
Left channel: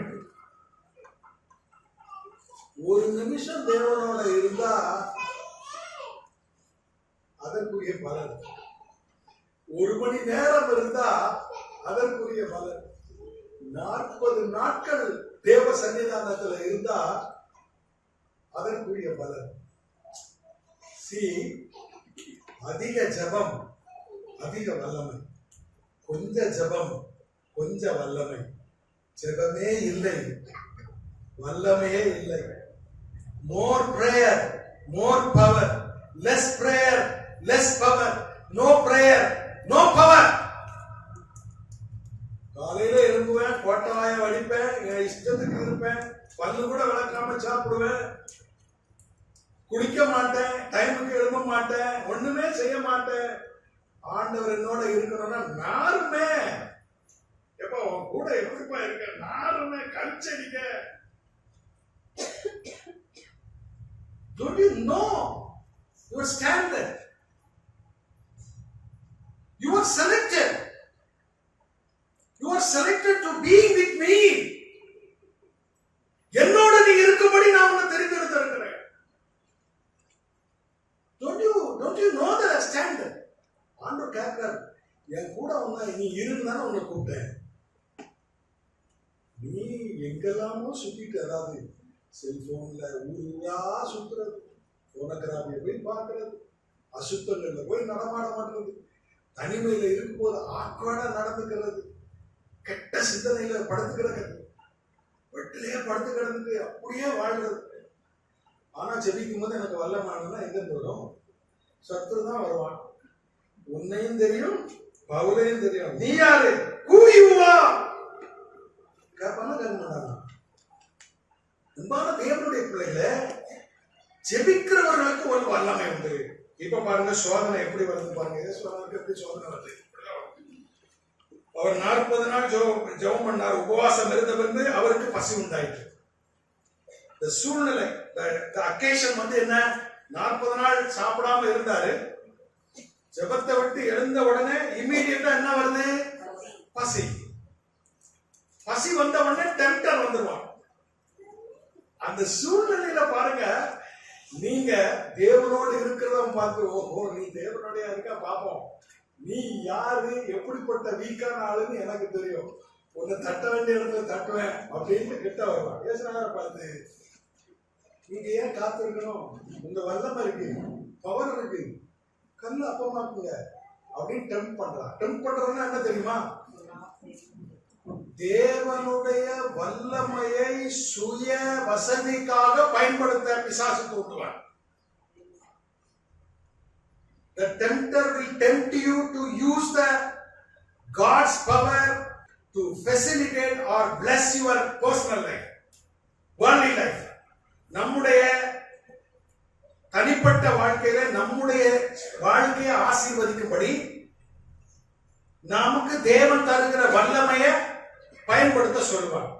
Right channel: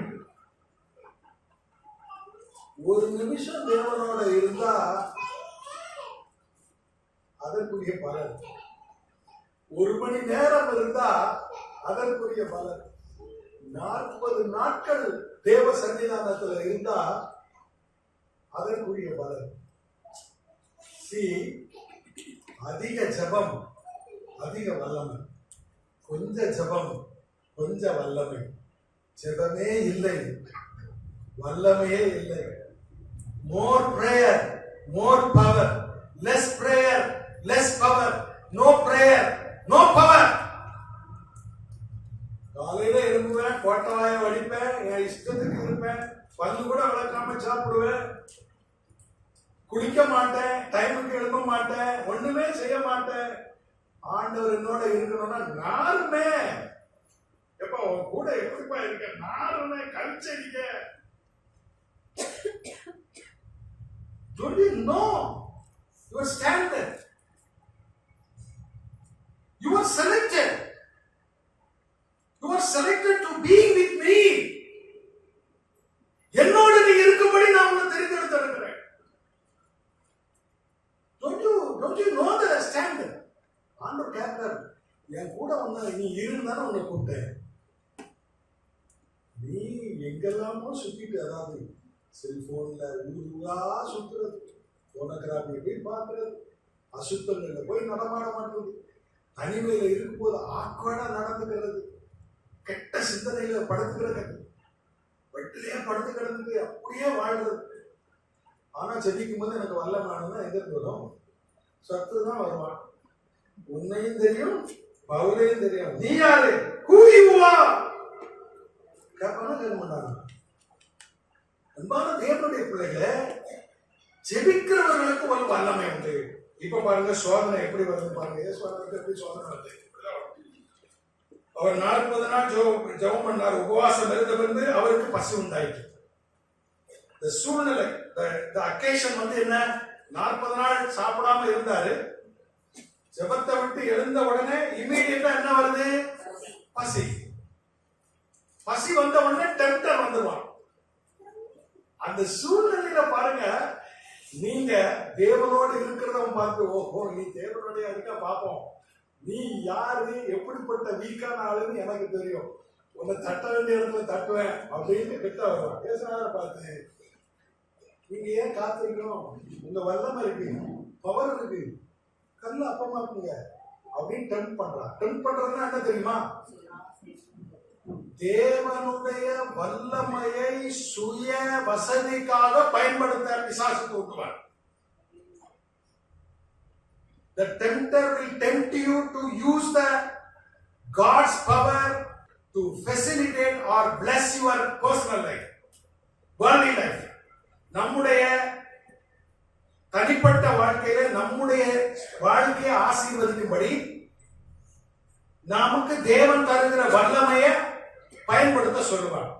ஒரு நிமிஷம் தேவனோட இருந்தா அதற்குரிய பலன், 1 மணி நேரம் இருந்தா அதற்குரிய பலன், 40 நாட்கள் தேவ சன்னிதானத்துல இருந்தா அதற்குரிய பலன். அதிக ஜபம் அதிக வல்லமை, கொஞ்ச ஜபம் கொஞ்ச வல்லமை. ஜபமே இல்லை, வல்லமையே இல்லை. More prayer more power, less prayer less power, no prayer no power. காலையில எழும்புவேன், கோட்டவாய வடிப்பேன், என் இஷ்டத்துக்கு இருப்பேன், பல்லு கூட விளக்காம சாப்பிடுவேன், குளிக்க மாட்டேன், டைமுக்கு எழும்ப மாட்டேன், ஒண்ணுமே செய்ய மாட்டேன். ஆண்டவர் என்னோட இருக்கணும்னா நாருமே எப்ப உன் கூட எப்படிப்பா இருக்க, நாருமே கழிச்சடிக்க. Don't you know your standard? You are selected. You are selected to be with me. என்னோட நீ இருக்கும்படி நான் உன்னை தெரிந்தெடுத்திருக்கிறேன். Don't you know the standard? ஆண்டவர் கேட்கிறார், என் கூட நீ இருந்தானே உன்னை கூப்பிட்டேன். நீ எங்கெல்லாமோ சுத்திட்டு, அதாவது செல்போன்ல ஊரா சுத்துறது, போனோகிராபிய போய் பார்க்கறது, அசுத்தங்கள்ல போய் நடமாட மாட்டது, தனிமையில இருக்கும்போது ஆக்வர்டா நடந்துக்கிறது, கெட்ட சிந்தனையில படுத்துக்கிறது, வெட்டிலேயே படுத்து கிடந்துட்டு அப்படியே வாழ்றது. ஆனா ஜெபிக்கும் போது எனக்கு வல்லமானதுன்னா எங்க வரும்? சத்துரு தான் வருவான். உன்னையும் தெரியும், பவுலையும் தெரியும். நீ யாரு? கூவிவா கேட்பாங்க, கேட்க மாட்டாங்க. அன்பான தேவனுடைய பிள்ளைகளை, ஜெபிக்கிறவர்களுக்கு ஒரு வல்லமை உண்டு. இப்ப பாருங்க சோதனை எப்படி வருது பாருங்க. இயேசுவுக்கு எப்படி சோதனை வருது? அவர் 40 நாள் ஜெபம் பண்ணார், உபவாசம் இருந்த பிறகு அவருக்கு பசி உண்டாயிற்று. இந்த சூழ்நிலை, அக்கேஷன் வந்து என்ன, 40 நாள் சாப்பிடாம இருந்தாரு. ஜெபத்தை விட்டு எழுந்த உடனே இம்மீடியட்டா என்ன வருது? பசி. பசி வந்த உடனே டெம்ப்டர் வந்துருவான். அந்த சூழ்நிலையில பாருங்க, நீங்க தேவனோடு இருக்கிறவன் பார்த்து, ஓஹோ நீ தேவனோடைய இருக்கா பாப்போம், நீ யாரு, எப்படிப்பட்ட வீக்கான ஆளுன்னு எனக்கு தெரியும், உன்னை தட்ட வேண்டிய இடத்துல தட்டுவேன் அப்படின்னு கிட்ட வருவான். ஏசுநாதரை பார்த்து, நீங்க ஏன் காத்து இருக்கணும், உங்க வல்லமை இருக்கு, பவர் இருக்கு, கல்ல அப்பமாக்குங்க அப்படின்னு டெம்ப் பண்றான். டெம்ப் பண்றதுன்னா என்ன தெரியுமா? தேவனுடைய வல்லமையை சுய வசதிக்காக பயன்படுத்த பிசாசு தூண்டுவார். The tempter will tempt you to use the God's power to facilitate or bless your personal life, worldly life. நம்முடைய தனிப்பட்ட வாழ்க்கையில நம்முடைய வாழ்க்கையை ஆசீர்வதிக்கும்படி நமக்கு தேவன் தருகிற வல்லமையை பயன்படுத்த சொல்லுவார்.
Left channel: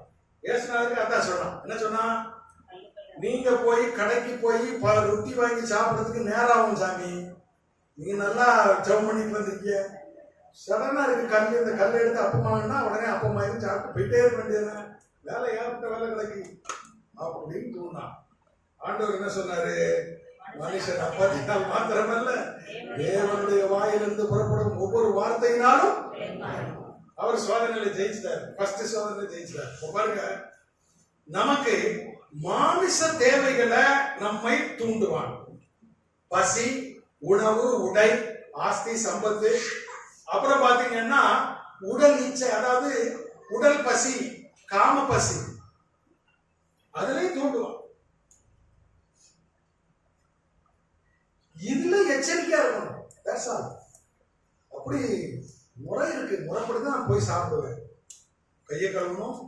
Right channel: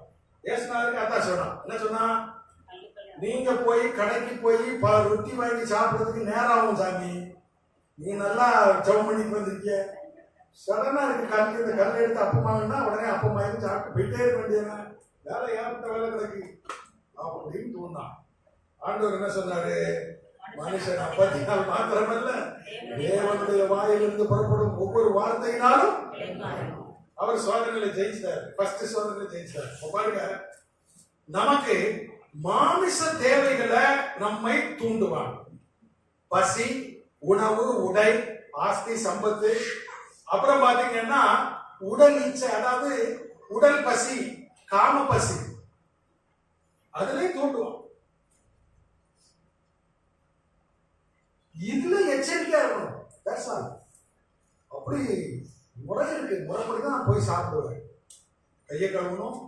ஏசுநாதருக்கு அதான் சொன்னான். என்ன சொன்னா? நீங்க போய் கடைக்கு போய் ரொட்டி வாங்கி சாப்பிடுறதுக்கு நேரம் ஆகும் சாமி, நீங்க நல்லா ஜெபம் பண்ணிட்டு வந்திருக்கீங்க, சடனா இருக்கு கல், இந்த கல்லை எடுத்து அப்பமாங்கன்னா உடனே அப்பமாயிரும் சாப்பிட்டு போயிட்டே இருக்க வேண்டியதுதான், வேலை ஏற்பட்ட வேலை கிடைக்கு அப்படின்னு தோணுதான். ஆண்டவர் என்ன சொன்னாரு? மனுஷன் அப்பத்தினால் மாத்திரமல்ல தேவனுடைய வாயிலிருந்து புறப்படும் ஒவ்வொரு வார்த்தையினாலும். அவர் சோதனையில ஜெயிச்சிட்டார். ஃபர்ஸ்ட் சோதனையில ஜெயிச்சிட்டார். பாருங்க, நமக்கு மாமிச தேவைகளை நம்மை தூண்டுவான். பசி, உணவு, உடை, ஆஸ்தி, சம்பத்து. அப்புறம் பாத்தீங்கன்னா உடல் இச்சை, அதாவது உடல் பசி, காம பசி, அதுலயும் தூண்டுவான். இதுல எச்சரிக்கையா இருக்கணும். That's all. அப்படி முறை இருக்கு, முறைப்படிதான் போய் சாப்பிடுவேன். கையை கழுவணும்,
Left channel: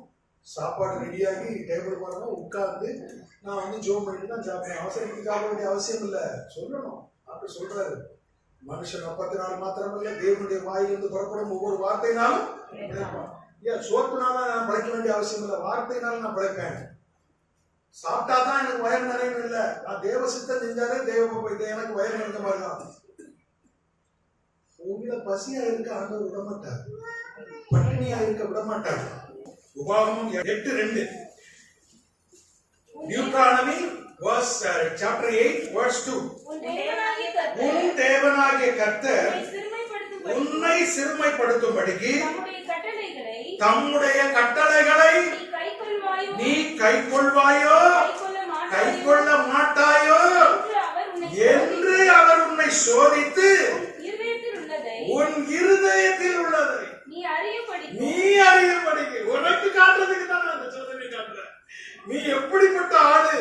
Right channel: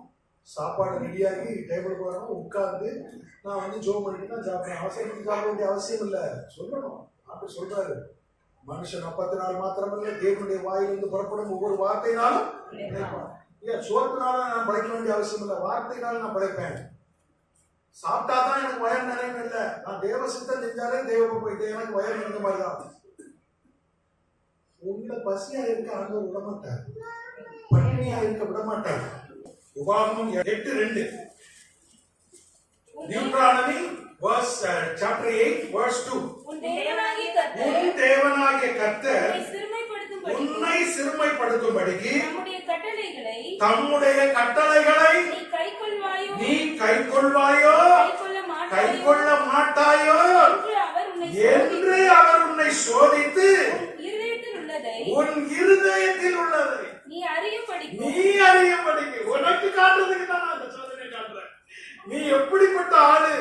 சாப்பாடு ரெடியாகி டேபிளுக்கு வரணும், உட்கார்ந்து நான் வந்து ஜோம் பண்ணிட்டு தான் சாப்பிடுவேன். அவசரத்துக்கு சாப்பிட வேண்டிய அவசியம் இல்லை, சொல்லணும். அப்படி சொல்றாரு, மனுஷன் 40 நாள் மாத்திரமல்ல தேவனுடைய வாயிலிருந்து புறப்படும் ஒவ்வொரு வார்த்தையினாலும் பிழைப்பான். ஏன் சோத்துனால நான் பிழைக்க வேண்டிய அவசியம் இல்லை, வார்த்தையினால நான் பிழைப்பேன். சாப்பிட்டா தான் எனக்கு வயர் நிறைய இல்லை, நான் தேவ சித்தம் செஞ்சாலே தேவ போயிட்டு எனக்கு வயர் நிறைந்த மாதிரி தான். உங்களை பசியா இருக்க ஆண்டவர் விட மாட்டார், பட்டினியா இருக்க விட மாட்டார். உபாகமம் 8:2, Deuteronomy chapter 8 verse 2. உன் தேவனாகிய கர்த்தர் உன்னை சிறுமைப்படுத்தும்படிக்கு தம்முடைய கட்டளைகளை நீ கைக்கொள்வாயோ கைக்கொள்ள மாட்டாயோ என்று அவர் உன்னை சோதித்து உன் இருதயத்தில் உள்ளதை நீ அறியும்படிக்கு உனக்கு காட்டுறதுக்கு தான் நான் இந்த சோதனை காட்டுறேன். நீ எப்படிப்பட்ட ஆளு?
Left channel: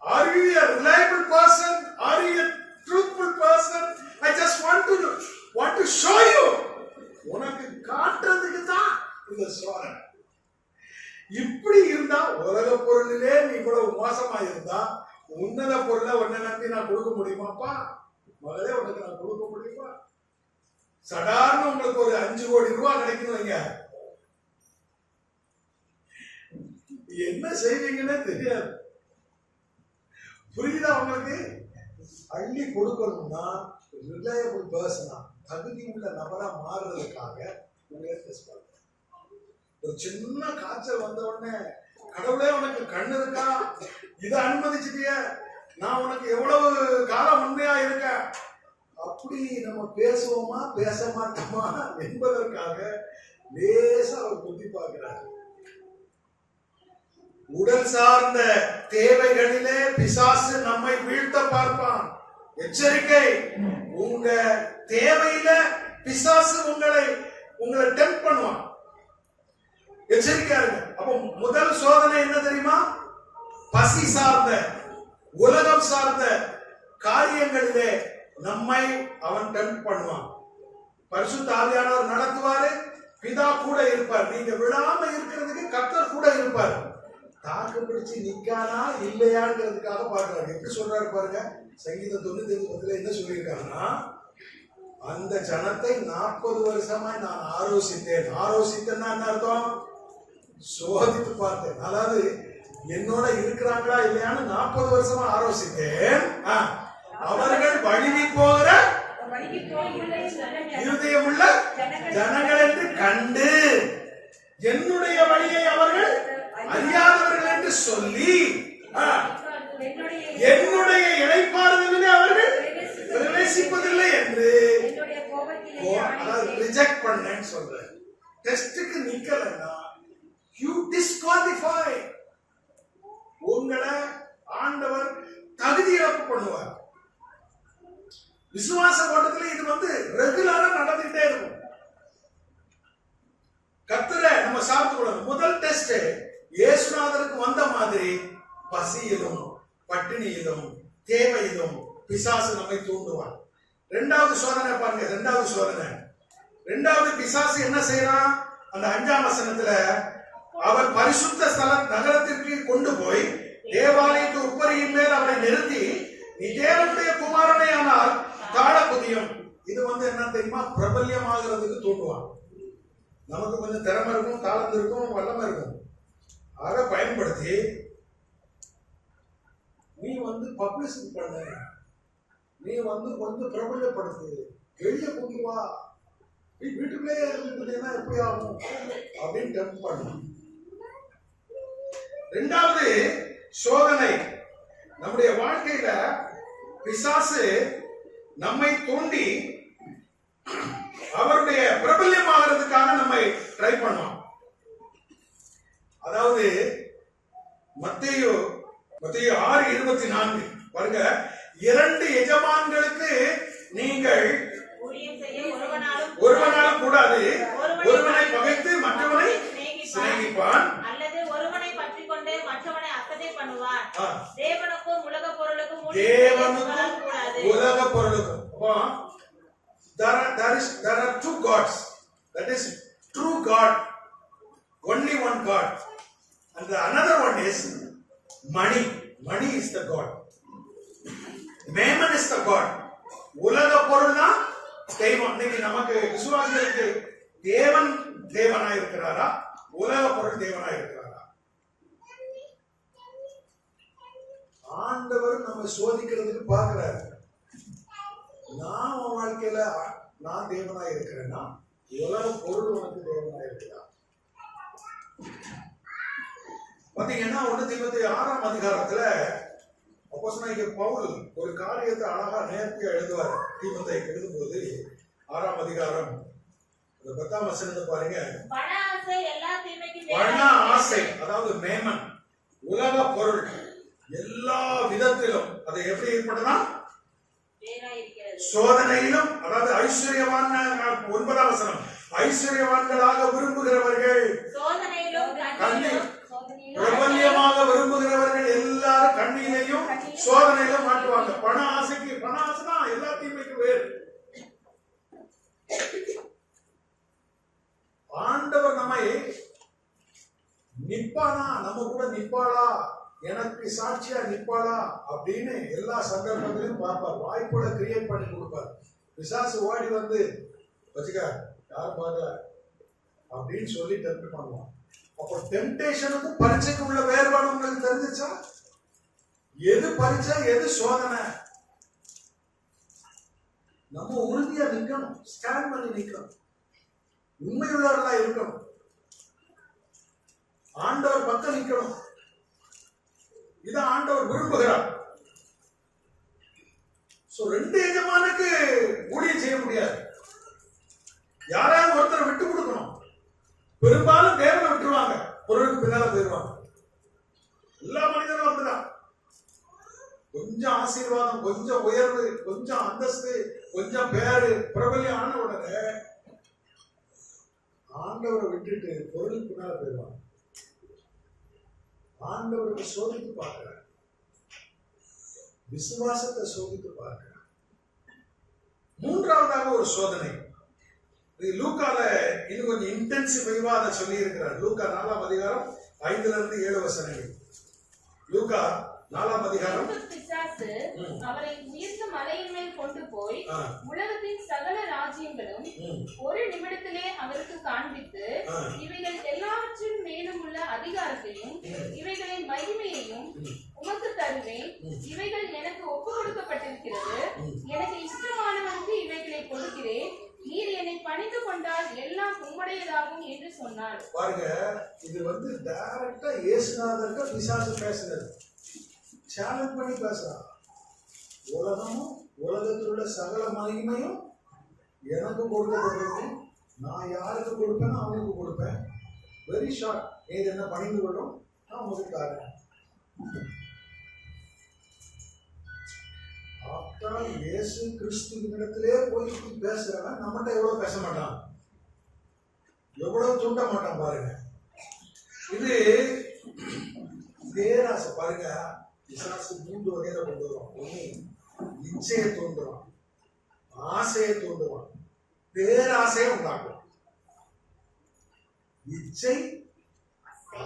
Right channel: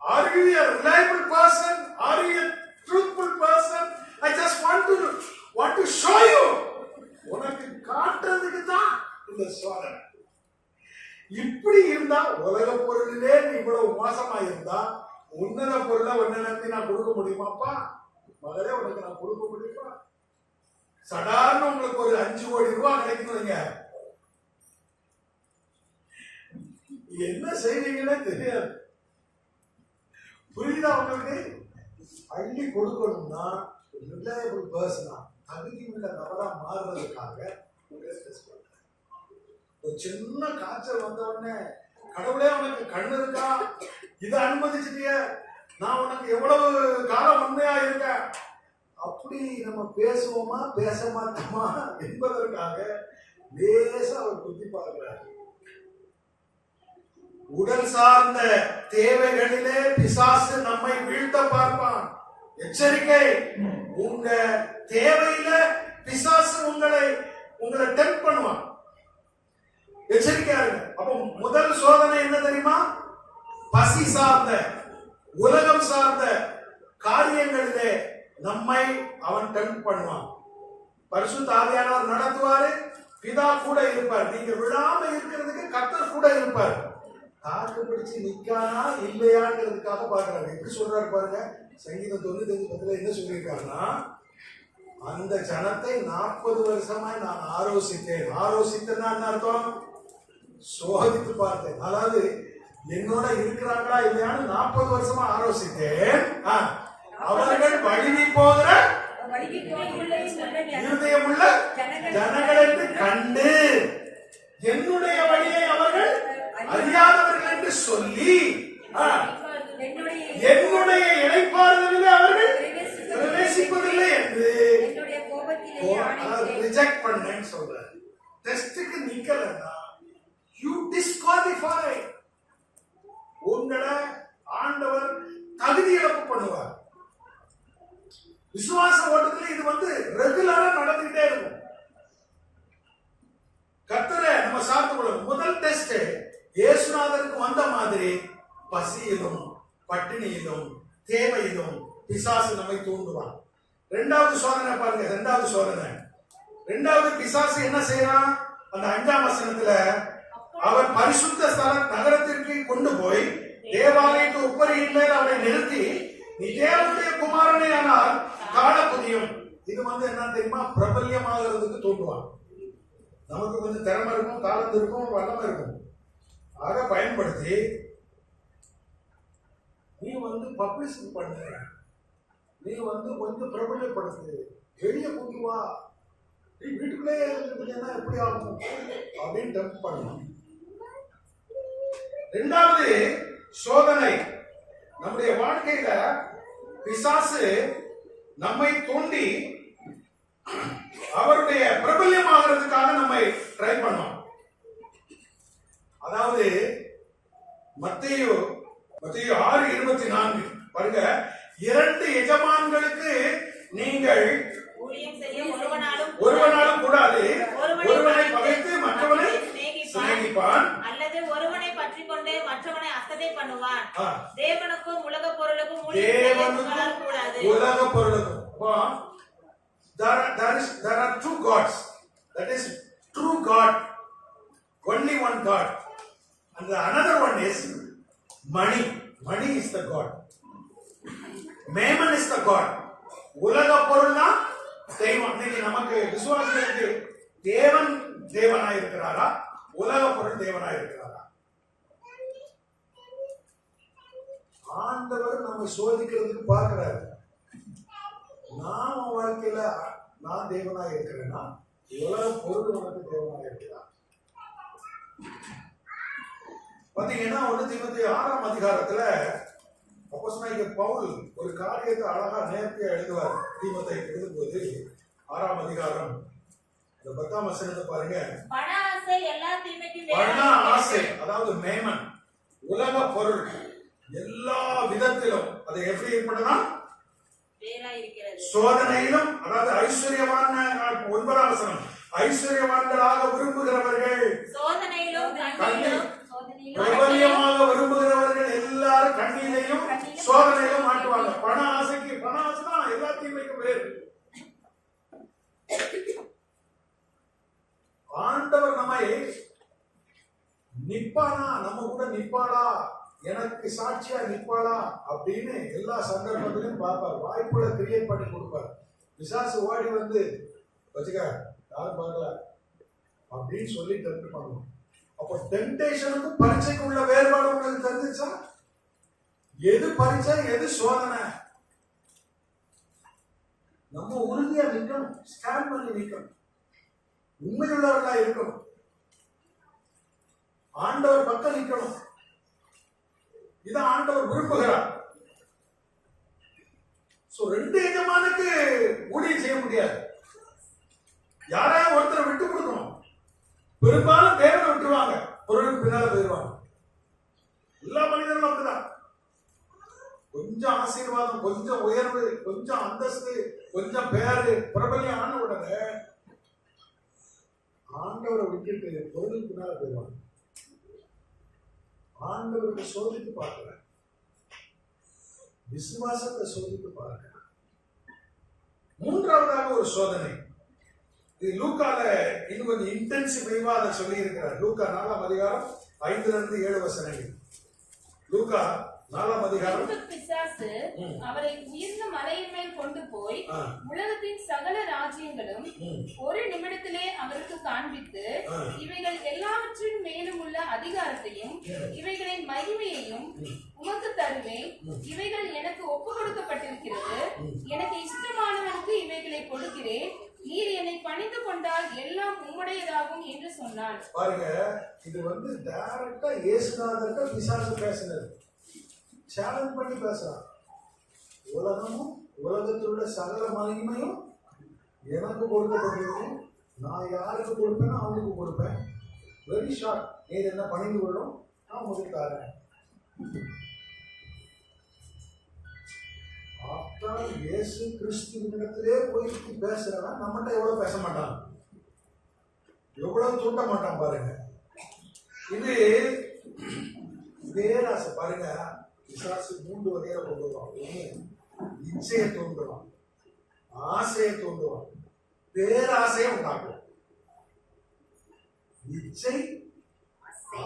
Are you a reliable person? Are you a truthful person? I just want to show you. உனக்கு காட்டுறதுக்கு தான் இந்த சோதனை. இப்படி இருந்தா, உலக பொருளிலே நீ இவ்வளவு மோசமா இருந்தா உன்னத பொருளை உன்னை நம்பி நான் கொடுக்க முடியுமாப்பா? மகளே, உனக்கு நான் கொடுக்க முடியுமா? சாதாரண உங்களுக்கு ஒரு 5 கோடி ரூபாய் கிடைக்கணுங்க, என்ன செய்வீங்கன்னு தெரியாது. புரியுதா உங்களுக்கு? அள்ளி கொடுக்கணும்னா ரிலையபிள் பர்சனா, தகுதி உள்ள நபரா மாறுறதுக்காக உங்களை டெஸ்ட் பண்றேன். ஒரு சின்ன காய்ச்சல் வந்த உடனே, கடவுளே உனக்கு கண்ணு இருக்கா, இதை அனுமதிச்சிட்டிய, நான் உனக்கு எவ்வளவு காலம் உண்மையா இருக்க, அப்படி நம்ம பேசுவோமா பேச மாட்டோமா என்பதற்காக லேசா அவர் புத்தி பார்க்கிறார். உடல் சார்ந்த தேவைகளிலே பிசாசு நம்மை வீழ்த்த பார்ப்பான். எச்சரிக்கை, உங்க தேவையில பிசாசு உங்களை டெம்ப்ட் பண்ணுவான். எச்சரிக்கையா இருங்க. அப்ப முதல் சோதனை என்ன தெரியுமா? பசி சார்ந்த, உலகம் சார்ந்த காரியங்களிலே நம்மை அவன் டெம்ப்ட் பண்ணுவான். பரிசுத்த ஆவியானவர் நடத்துவாரு, பிதா கூட இருப்பார். நீங்க விழாம இருக்கிறதுக்கு கர்த்தர் கூட இருப்பார். தாக்கு பிடிச்சு நிக்கானா இல்லையாங்கிறதுக்காக பாக்குறாங்க. எப்படி சொல்றாரு பாருங்க, சங்கீதம் 95:10 என்ன சொல்லியிருக்காங்கன்னா, அந்த ஜனத்தை 40 வருஷமாய் நான் ஆரோசித்தேன். ஆரோசித்தேன்னா என்ன அர்த்தம்? சோதித்து பார்த்தேன். அதாவது என்னோட இருக்கிறாங்களா இல்லையான்னு 40 வருஷமா ஆலோசித்தேன். அவர்கள் வழுவி போகிற இருதயமுள்ள ஜனங்கள் என்று கண்டு என்னுடைய வழியை அவர்கள் அறியாதவர்கள் என்று சொல்லி என்னுடைய இளைப்பாறுதலிலே அவர்கள் பிரவேசிப்பதில்லை என்று ரிஜெக்ட் பண்ணேன்னு சொல்றேன். டெஸ்டுக்கு நிக்கலன்னா யூ டிஸ்குவாலிஃபை. உங்களை ஆண்டவர் தகுதி இழப்பு பண்ணுவார். விசுவாச ஓட்டத்துல இது ரெகுலரா நடந்துகிட்டே இருக்கும். கர்த்தரை நம்ம சார்ந்து கொள்ளணும். முதல் டெஸ்ட் இயேசுநாதருக்கு வந்த மாதிரி பசியிலும் பட்டினியிலும் தேவையிலும் பிசாசு நம்மை தூண்டுவான். இரண்டாவது சோதனை பாருங்க. இரண்டாவது பிசாசு என்ன செய்யறான்? அந்த 5ஆம் வசனத்துல அவர் பரிசுத்த ஸ்தல நகரத்திற்கு கொண்டு போய் தேவாலயத்து உப்பரியின் மேல் அவரை நிறுத்தி நீ தேவனுடைய குமாரனே ஆனால் தாழ புதியும். இது என்ன தெரியுமா? பிரபல்யமாகிறதுக்கு தூண்டுவான். நமக்கு கொஞ்சம் திறமை இருக்கும், தாளந்து இருக்கும், வல்லமை இருக்கும். அதை பயன்படுத்தி நீ பப்ளிசிட்டி பண்ண, நீ கொஞ்சம் பிரபல்யப்படுத்து, வெளியே கொண்டு வா, நீ வீட்டுக்குள்ளேயே இருந்துட்டேன்னா எப்படி ஆகும் அப்படின்னு டெம்ப் பண்ணணும். இரண்டாவது சோதனை, நம்முடைய வாழ்க்கையில பிசாசு நம்மை தூண்டி அவருடைய பிரபல்யமாகிறதுக்காக நம்மை ட்ரை பண்ணுவான். அதாவது மத்தேயு 6:24 பாருங்க. 2 எஜமான்களுக்கு நீங்கள் ஒருவனாலும் கூடாது, ஒருவனை பகைத்து மற்றவனை சிநேகிப்பான், அல்லது ஒருவனை பற்றிக் கொண்டு மற்றவனை அசட்டை பண்ணுவான். தேவனுக்கும் உலக பொருளுக்கும் உலக பொருளுக்கும். There are two gods. That is true God, only one God, and the another one is money. Money is the God. Mammon is the God. உலக பொருள்னா தெய்வம். இன்னைக்கு நமக்கு விசுவாசிகளுக்கு தேவன் தேவனாய் இருக்கிறாரா, உலக பொருள் தேவனாய் இருக்கிறாரா? ஆண்டவர் நம்ம சோதிக்கிறதுக்கு பார்க்கிறாரு. நான் உன் வாழ்க்கையில நான் தேவனாய் இருக்கிறேன்னா உலக பொருள் உனக்கு தேவனாய் இருக்கிறா? பாத்தீங்கன்னா 1 தீமோத்தேயு 6ஆம் அதிகாரத்துல அப்போஸ்தலனாகிய பவுல் ஒரு காரியத்தை அழகா நேர்த்தியா எழுதுவார். தீமோத்தேயுக்கு எழுதும்போது 6ஆம் அதிகாரம் 10ஆம் வசனத்தை பாருங்க. பண ஆசை, அதாவது மேமன், உலக பொருள் எல்லா விதத்திலும் அதை எப்படி ஏற்படுனா சோதனையிலும், அதாவது ஐஸ்வர்யவான் 9ஆம் வசனம், ஐஸ்வர்யவான்களாக விரும்புகிறவர்கள், பிரபல்யமாக விரும்புகிறவர்கள் எல்லாரும் கண்ணிலையும் சோதனையிலும் மாட்டுவாங்க. பண ஆசைக்கு, பண ஆசைனா எல்லா தீமைக்கும் வேறு. ஆண்டவர் நம்மை நிப்பானா, நம்ம கூட நிப்பாளா, எனக்கு சாட்சியா நிப்பாளா அப்படின்னு எல்லா சந்தர்ப்பத்திலும் பார்ப்பார். வாய்ப்புகளை கிரியேட் பண்ணி கொடுப்பார். பிசாசு ஓடி வச்சுக்க யாரும் பார்க்கல அப்படின்னு சொல்லி டெம்ப்ட் பண்ணுவான். அப்போ டெம்டேஷனுக்கும் பரீட்சைக்கு உள்ள வேறுபாடு உங்களுக்கு தெரிஞ்சிச்சா? எது பரீட்சை, எது சோதனை? நம்ம உறுதியா நிக்கணும், ஸ்டாண்ட் பண்ணி நிக்கணும், உண்மையுள்ளவர்களா இருக்கணும், ஆண்டவர் பக்கம் நிக்கணும். இதை ஆண்டவர் விரும்புகிறார். ரெண்டு எஜமானுக்கு ஊழியம் செய்ய முடியாது. யாராவது ஒருத்தர் விட்டு கொடுக்கணும். பெரும்பாலும் தேவனை விட்டுருவாங்க, பொருளுக்கு பின்னால போயிடுவாங்க. எல்லா மனிதர்களும் அப்படிதான். கொஞ்சம் ஆசீர்வாதம், கொஞ்சம் உயர்வு, கொஞ்சம் அந்தஸ்து, கொஞ்சம் பேரு, பிரபல்யம் ஆன உடனே ஆண்டவரை விட்டுட்டு பொருளுக்கு பின்னால போயிடுவாங்க. ஆண்டவருக்கு சோதித்து பார்க்கிறார், விசுவாசத்தை சோதித்து பார்க்கிறார். மூன்றாவதாக ஒரு சோதனை, லூக்கால இன்னும் கொஞ்சம் இன்டென்சிவா அதை சொல்லி இருக்கிறார். லூக்கா 4ஆம் அதிகாரம் 5 to 7 வசனங்கள். லூக்கா 4ஆம் அதிகாரம். பிசாசு அவரை உயர்ந்த மலையின் மேல் கொண்டு போய் உலகத்தின் சகல ராஜ்யங்களும் ஒரு நிமிடத்திலே அவருக்கு காண்பித்து இவைகள் எல்லாவற்றின் மேலும் உள்ள அதிகாரத்தையும் இவைகளின் மகிமையையும் உமக்கு தருவேன். இவைகள் எனக்கு ஒப்பு கொடுக்கப்பட்டிருக்கிறது. எனக்கு இஷ்டமானவனுக்கு இவைகளை கொடுக்கிறேன். நீர் என்னை பணிந்து கொண்டால் எல்லாம் உம்முடையதாகும் என்று சொன்னார். பாருங்க, இது டைரக்டா இயேசுநாதருக்கு பிசாசு பேசுனது. சேலஞ்ச் பண்ணி பேசுறான். உலகமும் உலகத்தில் உள்ள சகல மகிமையும் எனக்கு கொடுக்கப்பட்டிருக்கும். நான் யாருக்கு கொடுப்பேனோ அவனுக்கு கொடுப்பேன். Very short. நீர் என்ன பணிந்து கொள்ளும், நான் உங்களுக்கு தரேன். இயேசு கிறிஸ்துவினிடத்திலே போய் பேசுறவன் நம்மகிட்ட எவ்வளவு பேச மாட்டான், எவ்வளவு தூண்ட மாட்டான். பாருங்க, இது பேராசை. பாருங்க, பிசாசு 3 வகையில கொண்டு வருவான். ஒண்ணு இச்சையை தூண்டுவான், ஆசையை தூண்டுவான், பேராசையை உண்டாக்குவான். இச்சை,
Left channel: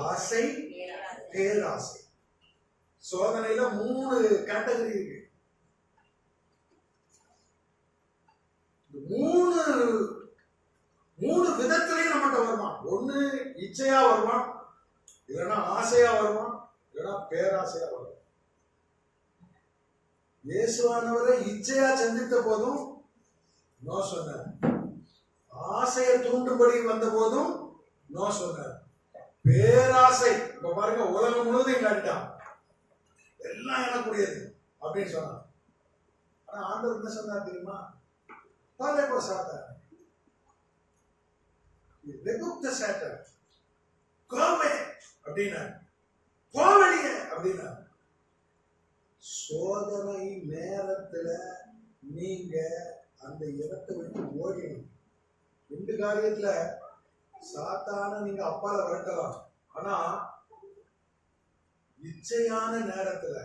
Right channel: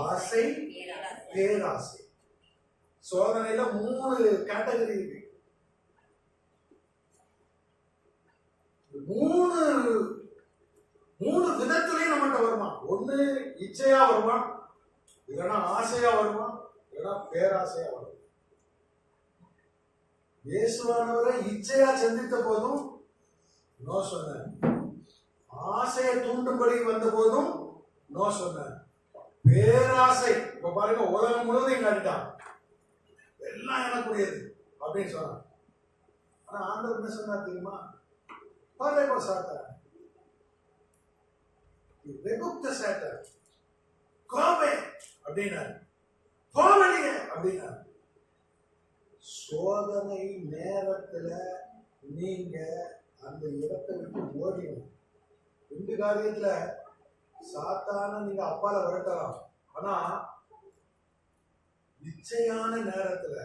ஆசை, பேராசை. சோதனையில 3 கேட்டகரி இருக்கு. 3 விதத்திலையும் நம்மகிட்ட வருவான். ஒண்ணு இச்சையா வருவான், இல்லைன்னா ஆசையா வருவான், இல்லைன்னா பேராசையா வருவான். இயேசுவானவரை இச்சையா சந்தித்த போதும் நோ சொன்னார், ஆசையை தூண்டும்படி வந்த போதும் நோ சொன்னார். பேராசை, இப்ப பாருங்க, உலகம் முழுவதும் காட்டான், எல்லாம் எனக்குரியது அப்படின்னு சொன்னான். ஆனா ஆண்டவர் என்ன சொன்னார் தெரியுமா? Parle Satan. Rebuke the Satan. Go away. அப்படின்னா போவடிங்க அப்படின்னா. சோதனை நேரத்துல நீங்க அந்த இடத்தை விட்டு ஓடிடும். 2 காரியத்துல சாத்தான நீங்க அப்பால வரட்டலாம். ஆனா இச்சையான நேரத்துல,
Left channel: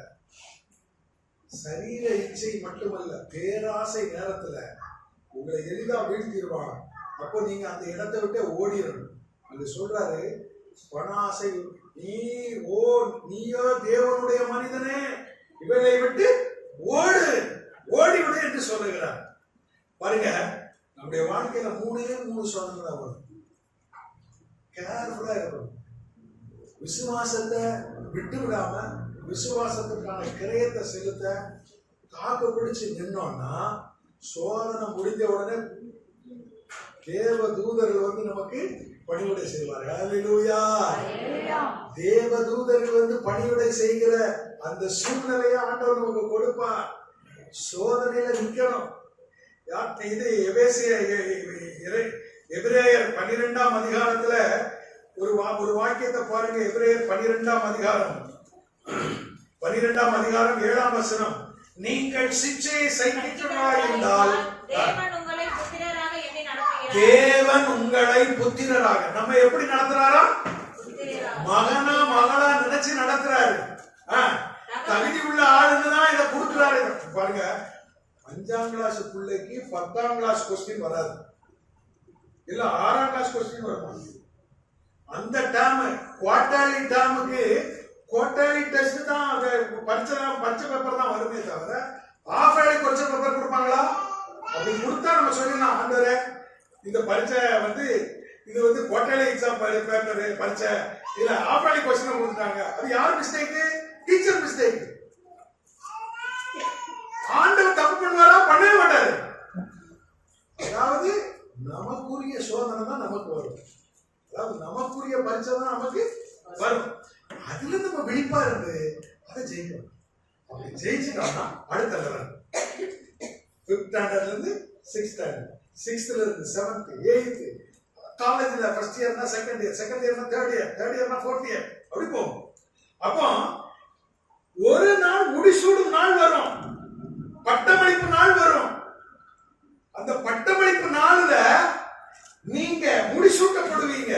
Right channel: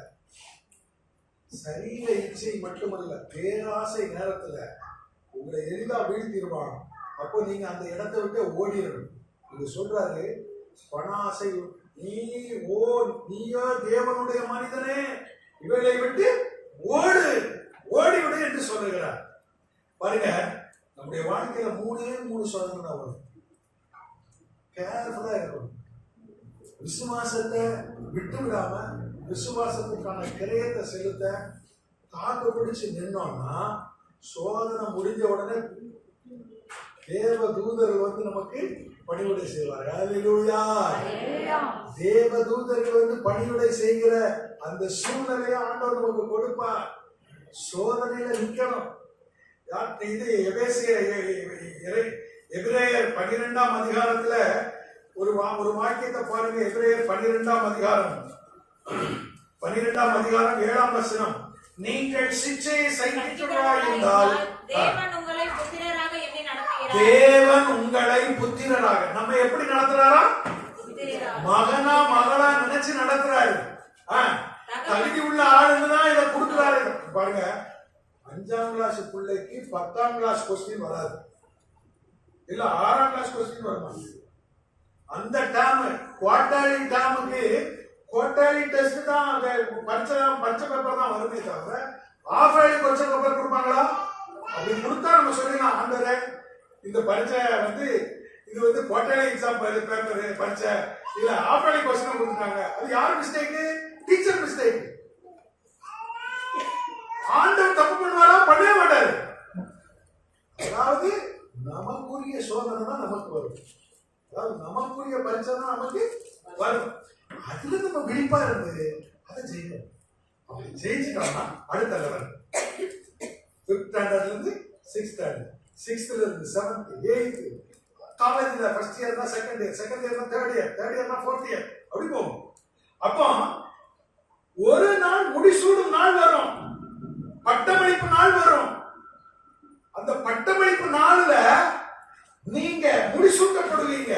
சரீர இச்சை மட்டுமல்ல, பேராசை நேரத்துல உங்களை எளிதா வீழ்த்திடுவான். அப்போ நீங்க அந்த இடத்தை விட்டு ஓடிடணும். அது சொல்றாரு, பண ஆசை, நீயோ தேவனுடைய மனிதனே, இவைகளை விட்டு ஓடிவிடு என்று சொல்லுகிறார். பாருங்க, நம்முடைய வாழ்க்கையில 3 சோதனை தான் வரும். கேர்ஃபுல்லா இருக்கணும். விசுவாசத்தை விட்டு விடாம விசுவாசத்துக்கான கிரயத்தை செலுத்த தாக்கு பிடிச்சு நின்னோம்னா, சோதனை முடிஞ்ச உடனே தேவ தூதர்கள் நமக்கு பணிவிடை செய்வார்கள். ஹல்லேலூயா. தேவ தூதர்கள் பணிவிடை செய்கிற அந்த சூழ்நிலையை ஆண்டவர் நமக்கு கொடுப்பார். சோதனையில நிக்கணும். இது எபிரேயர் 12ஆம் அதிகாரத்துல ஒரு வாக்கியத்தை பாருங்க. எபிரேயர் 12ஆம் அதிகாரம் 7ஆம் வசனம். நீங்கள் சிச்சையை சகிக்கிறவராயிருந்தால் தேவன் உங்களை புத்திரராக, நம்ம எப்படி நடத்துறாரா? மகனா மகளா நினைச்சு நடத்துறாரு. தகுதி உள்ள ஆளுதான் இதை கொடுக்கிறாரு. பாருங்க, 5ஆம் கிளாஸ் பிள்ளைக்கு 10ஆம் கிளாஸ் கொஸ்டின் வராது, இல்ல 6ஆம் கிளாஸ் கொஸ்டின் வருவாங்க. அந்த டேர்ம் குவார்டர்லி டேர்முக்கு குவார்டர்லி டெஸ்ட் தான், பரிச்சை பேப்பர் தான் வருமே தவிர ஆஃப் இயர்லி கொஸ்டின் பேப்பர் கொடுப்பாங்களா? அப்படி கொடுத்தா நம்ம சொல்லலாம், ஆண்டவரே இந்த பரிச்சை இது குவார்டர்லி எக்ஸாம் பேப்பர் பரிச்சை இல்ல ஆஃப் இயர்லி கொஸ்டின் கொடுத்துட்டாங்க. அது யார் மிஸ்டேக்? Teacher mistake. ஆண்டவர் தப்பு பண்ணுவாரா? பண்ணவே மாட்டாரு. அதாவது நமக்குரிய சோதனை தான் நமக்கு வரும், அதாவது நமக்குரிய பரிச்சை தான் நமக்கு வரும். அதுல நம்ம விழிப்பா இருந்து அதை ஜெயிக்கணும். அப்படி ஜெயிச்சுட்டோம்னா அடுத்த லெவல் 5th ஸ்டாண்டர்ட்ல இருந்து 6th ஸ்டாண்டர்ட், 6th இருந்து 7th 8th, காலேஜ்ல ஃபர்ஸ்ட் இயர்னா செகண்ட் இயர், செகண்ட் இயர்னா தேர்ட் இயர், தேர்ட் இயர்னா ஃபோர்த் இயர், அப்படி போகும். அப்போ ஒரு நாள் முடிசூடும் நாள் வரும், பட்டமளிப்பு நாள் வரும். அந்த பட்டமளிப்பு நாள்ல நீங்க முடிசூட்டப்படுவீங்க.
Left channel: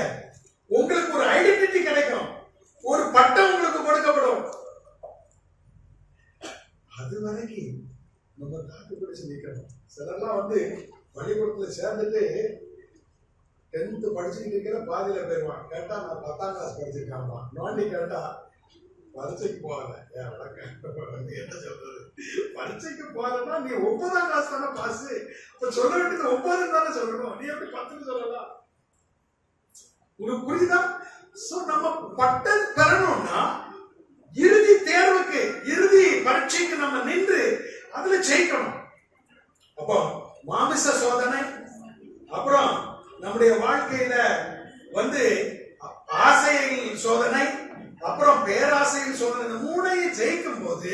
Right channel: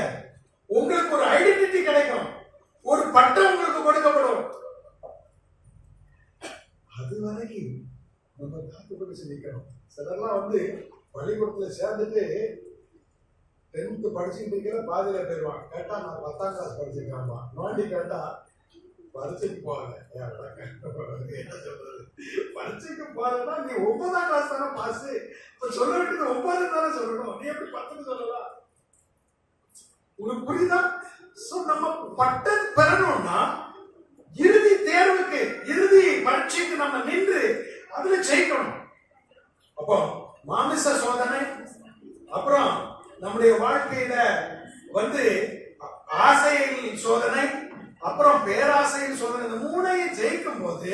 உங்களுக்கு ஒரு ஐடென்டிட்டி கிடைக்கும், ஒரு பட்டம் உங்களுக்கு கொடுக்கப்படும். அது வரைக்கும் நம்ம தாக்கு பிடிச்சு நிக்கணும். சிலர்லாம் பள்ளிக்கூடத்துல சேர்ந்துட்டு 10th படிச்சுட்டு இருக்கிற பாதியில போயிருவான். கேட்டா நான் 10ஆம் கிளாஸ் படிச்சிருக்காமா, நோண்டி கேட்டா பரிச்சைக்கு போகல. என்ன சொல்றது, பரீட்சைக்கு போறதுன்னா நீ 9ஆம் கிளாஸ் தானே பாஸ். இப்ப சொல்ல வேண்டியது 9 தானே சொல்லணும். நீ எப்படி 10 சொல்லலாம்? உங்களுக்கு புரியுதா? சோ நம்ம பட்டம் பெறணும்னா இறுதி தேர்வுக்கு, இறுதி பரீட்சைக்கு நம்ம நின்று அதுல ஜெயிக்கணும். அப்போ மாமிச சோதனை, அப்புறம் நம்முடைய வாழ்க்கையில வந்து ஆசையில் சோதனை, அப்புறம் பேராசையில் சோதனை, இந்த மூணையும் ஜெயிக்கும் போது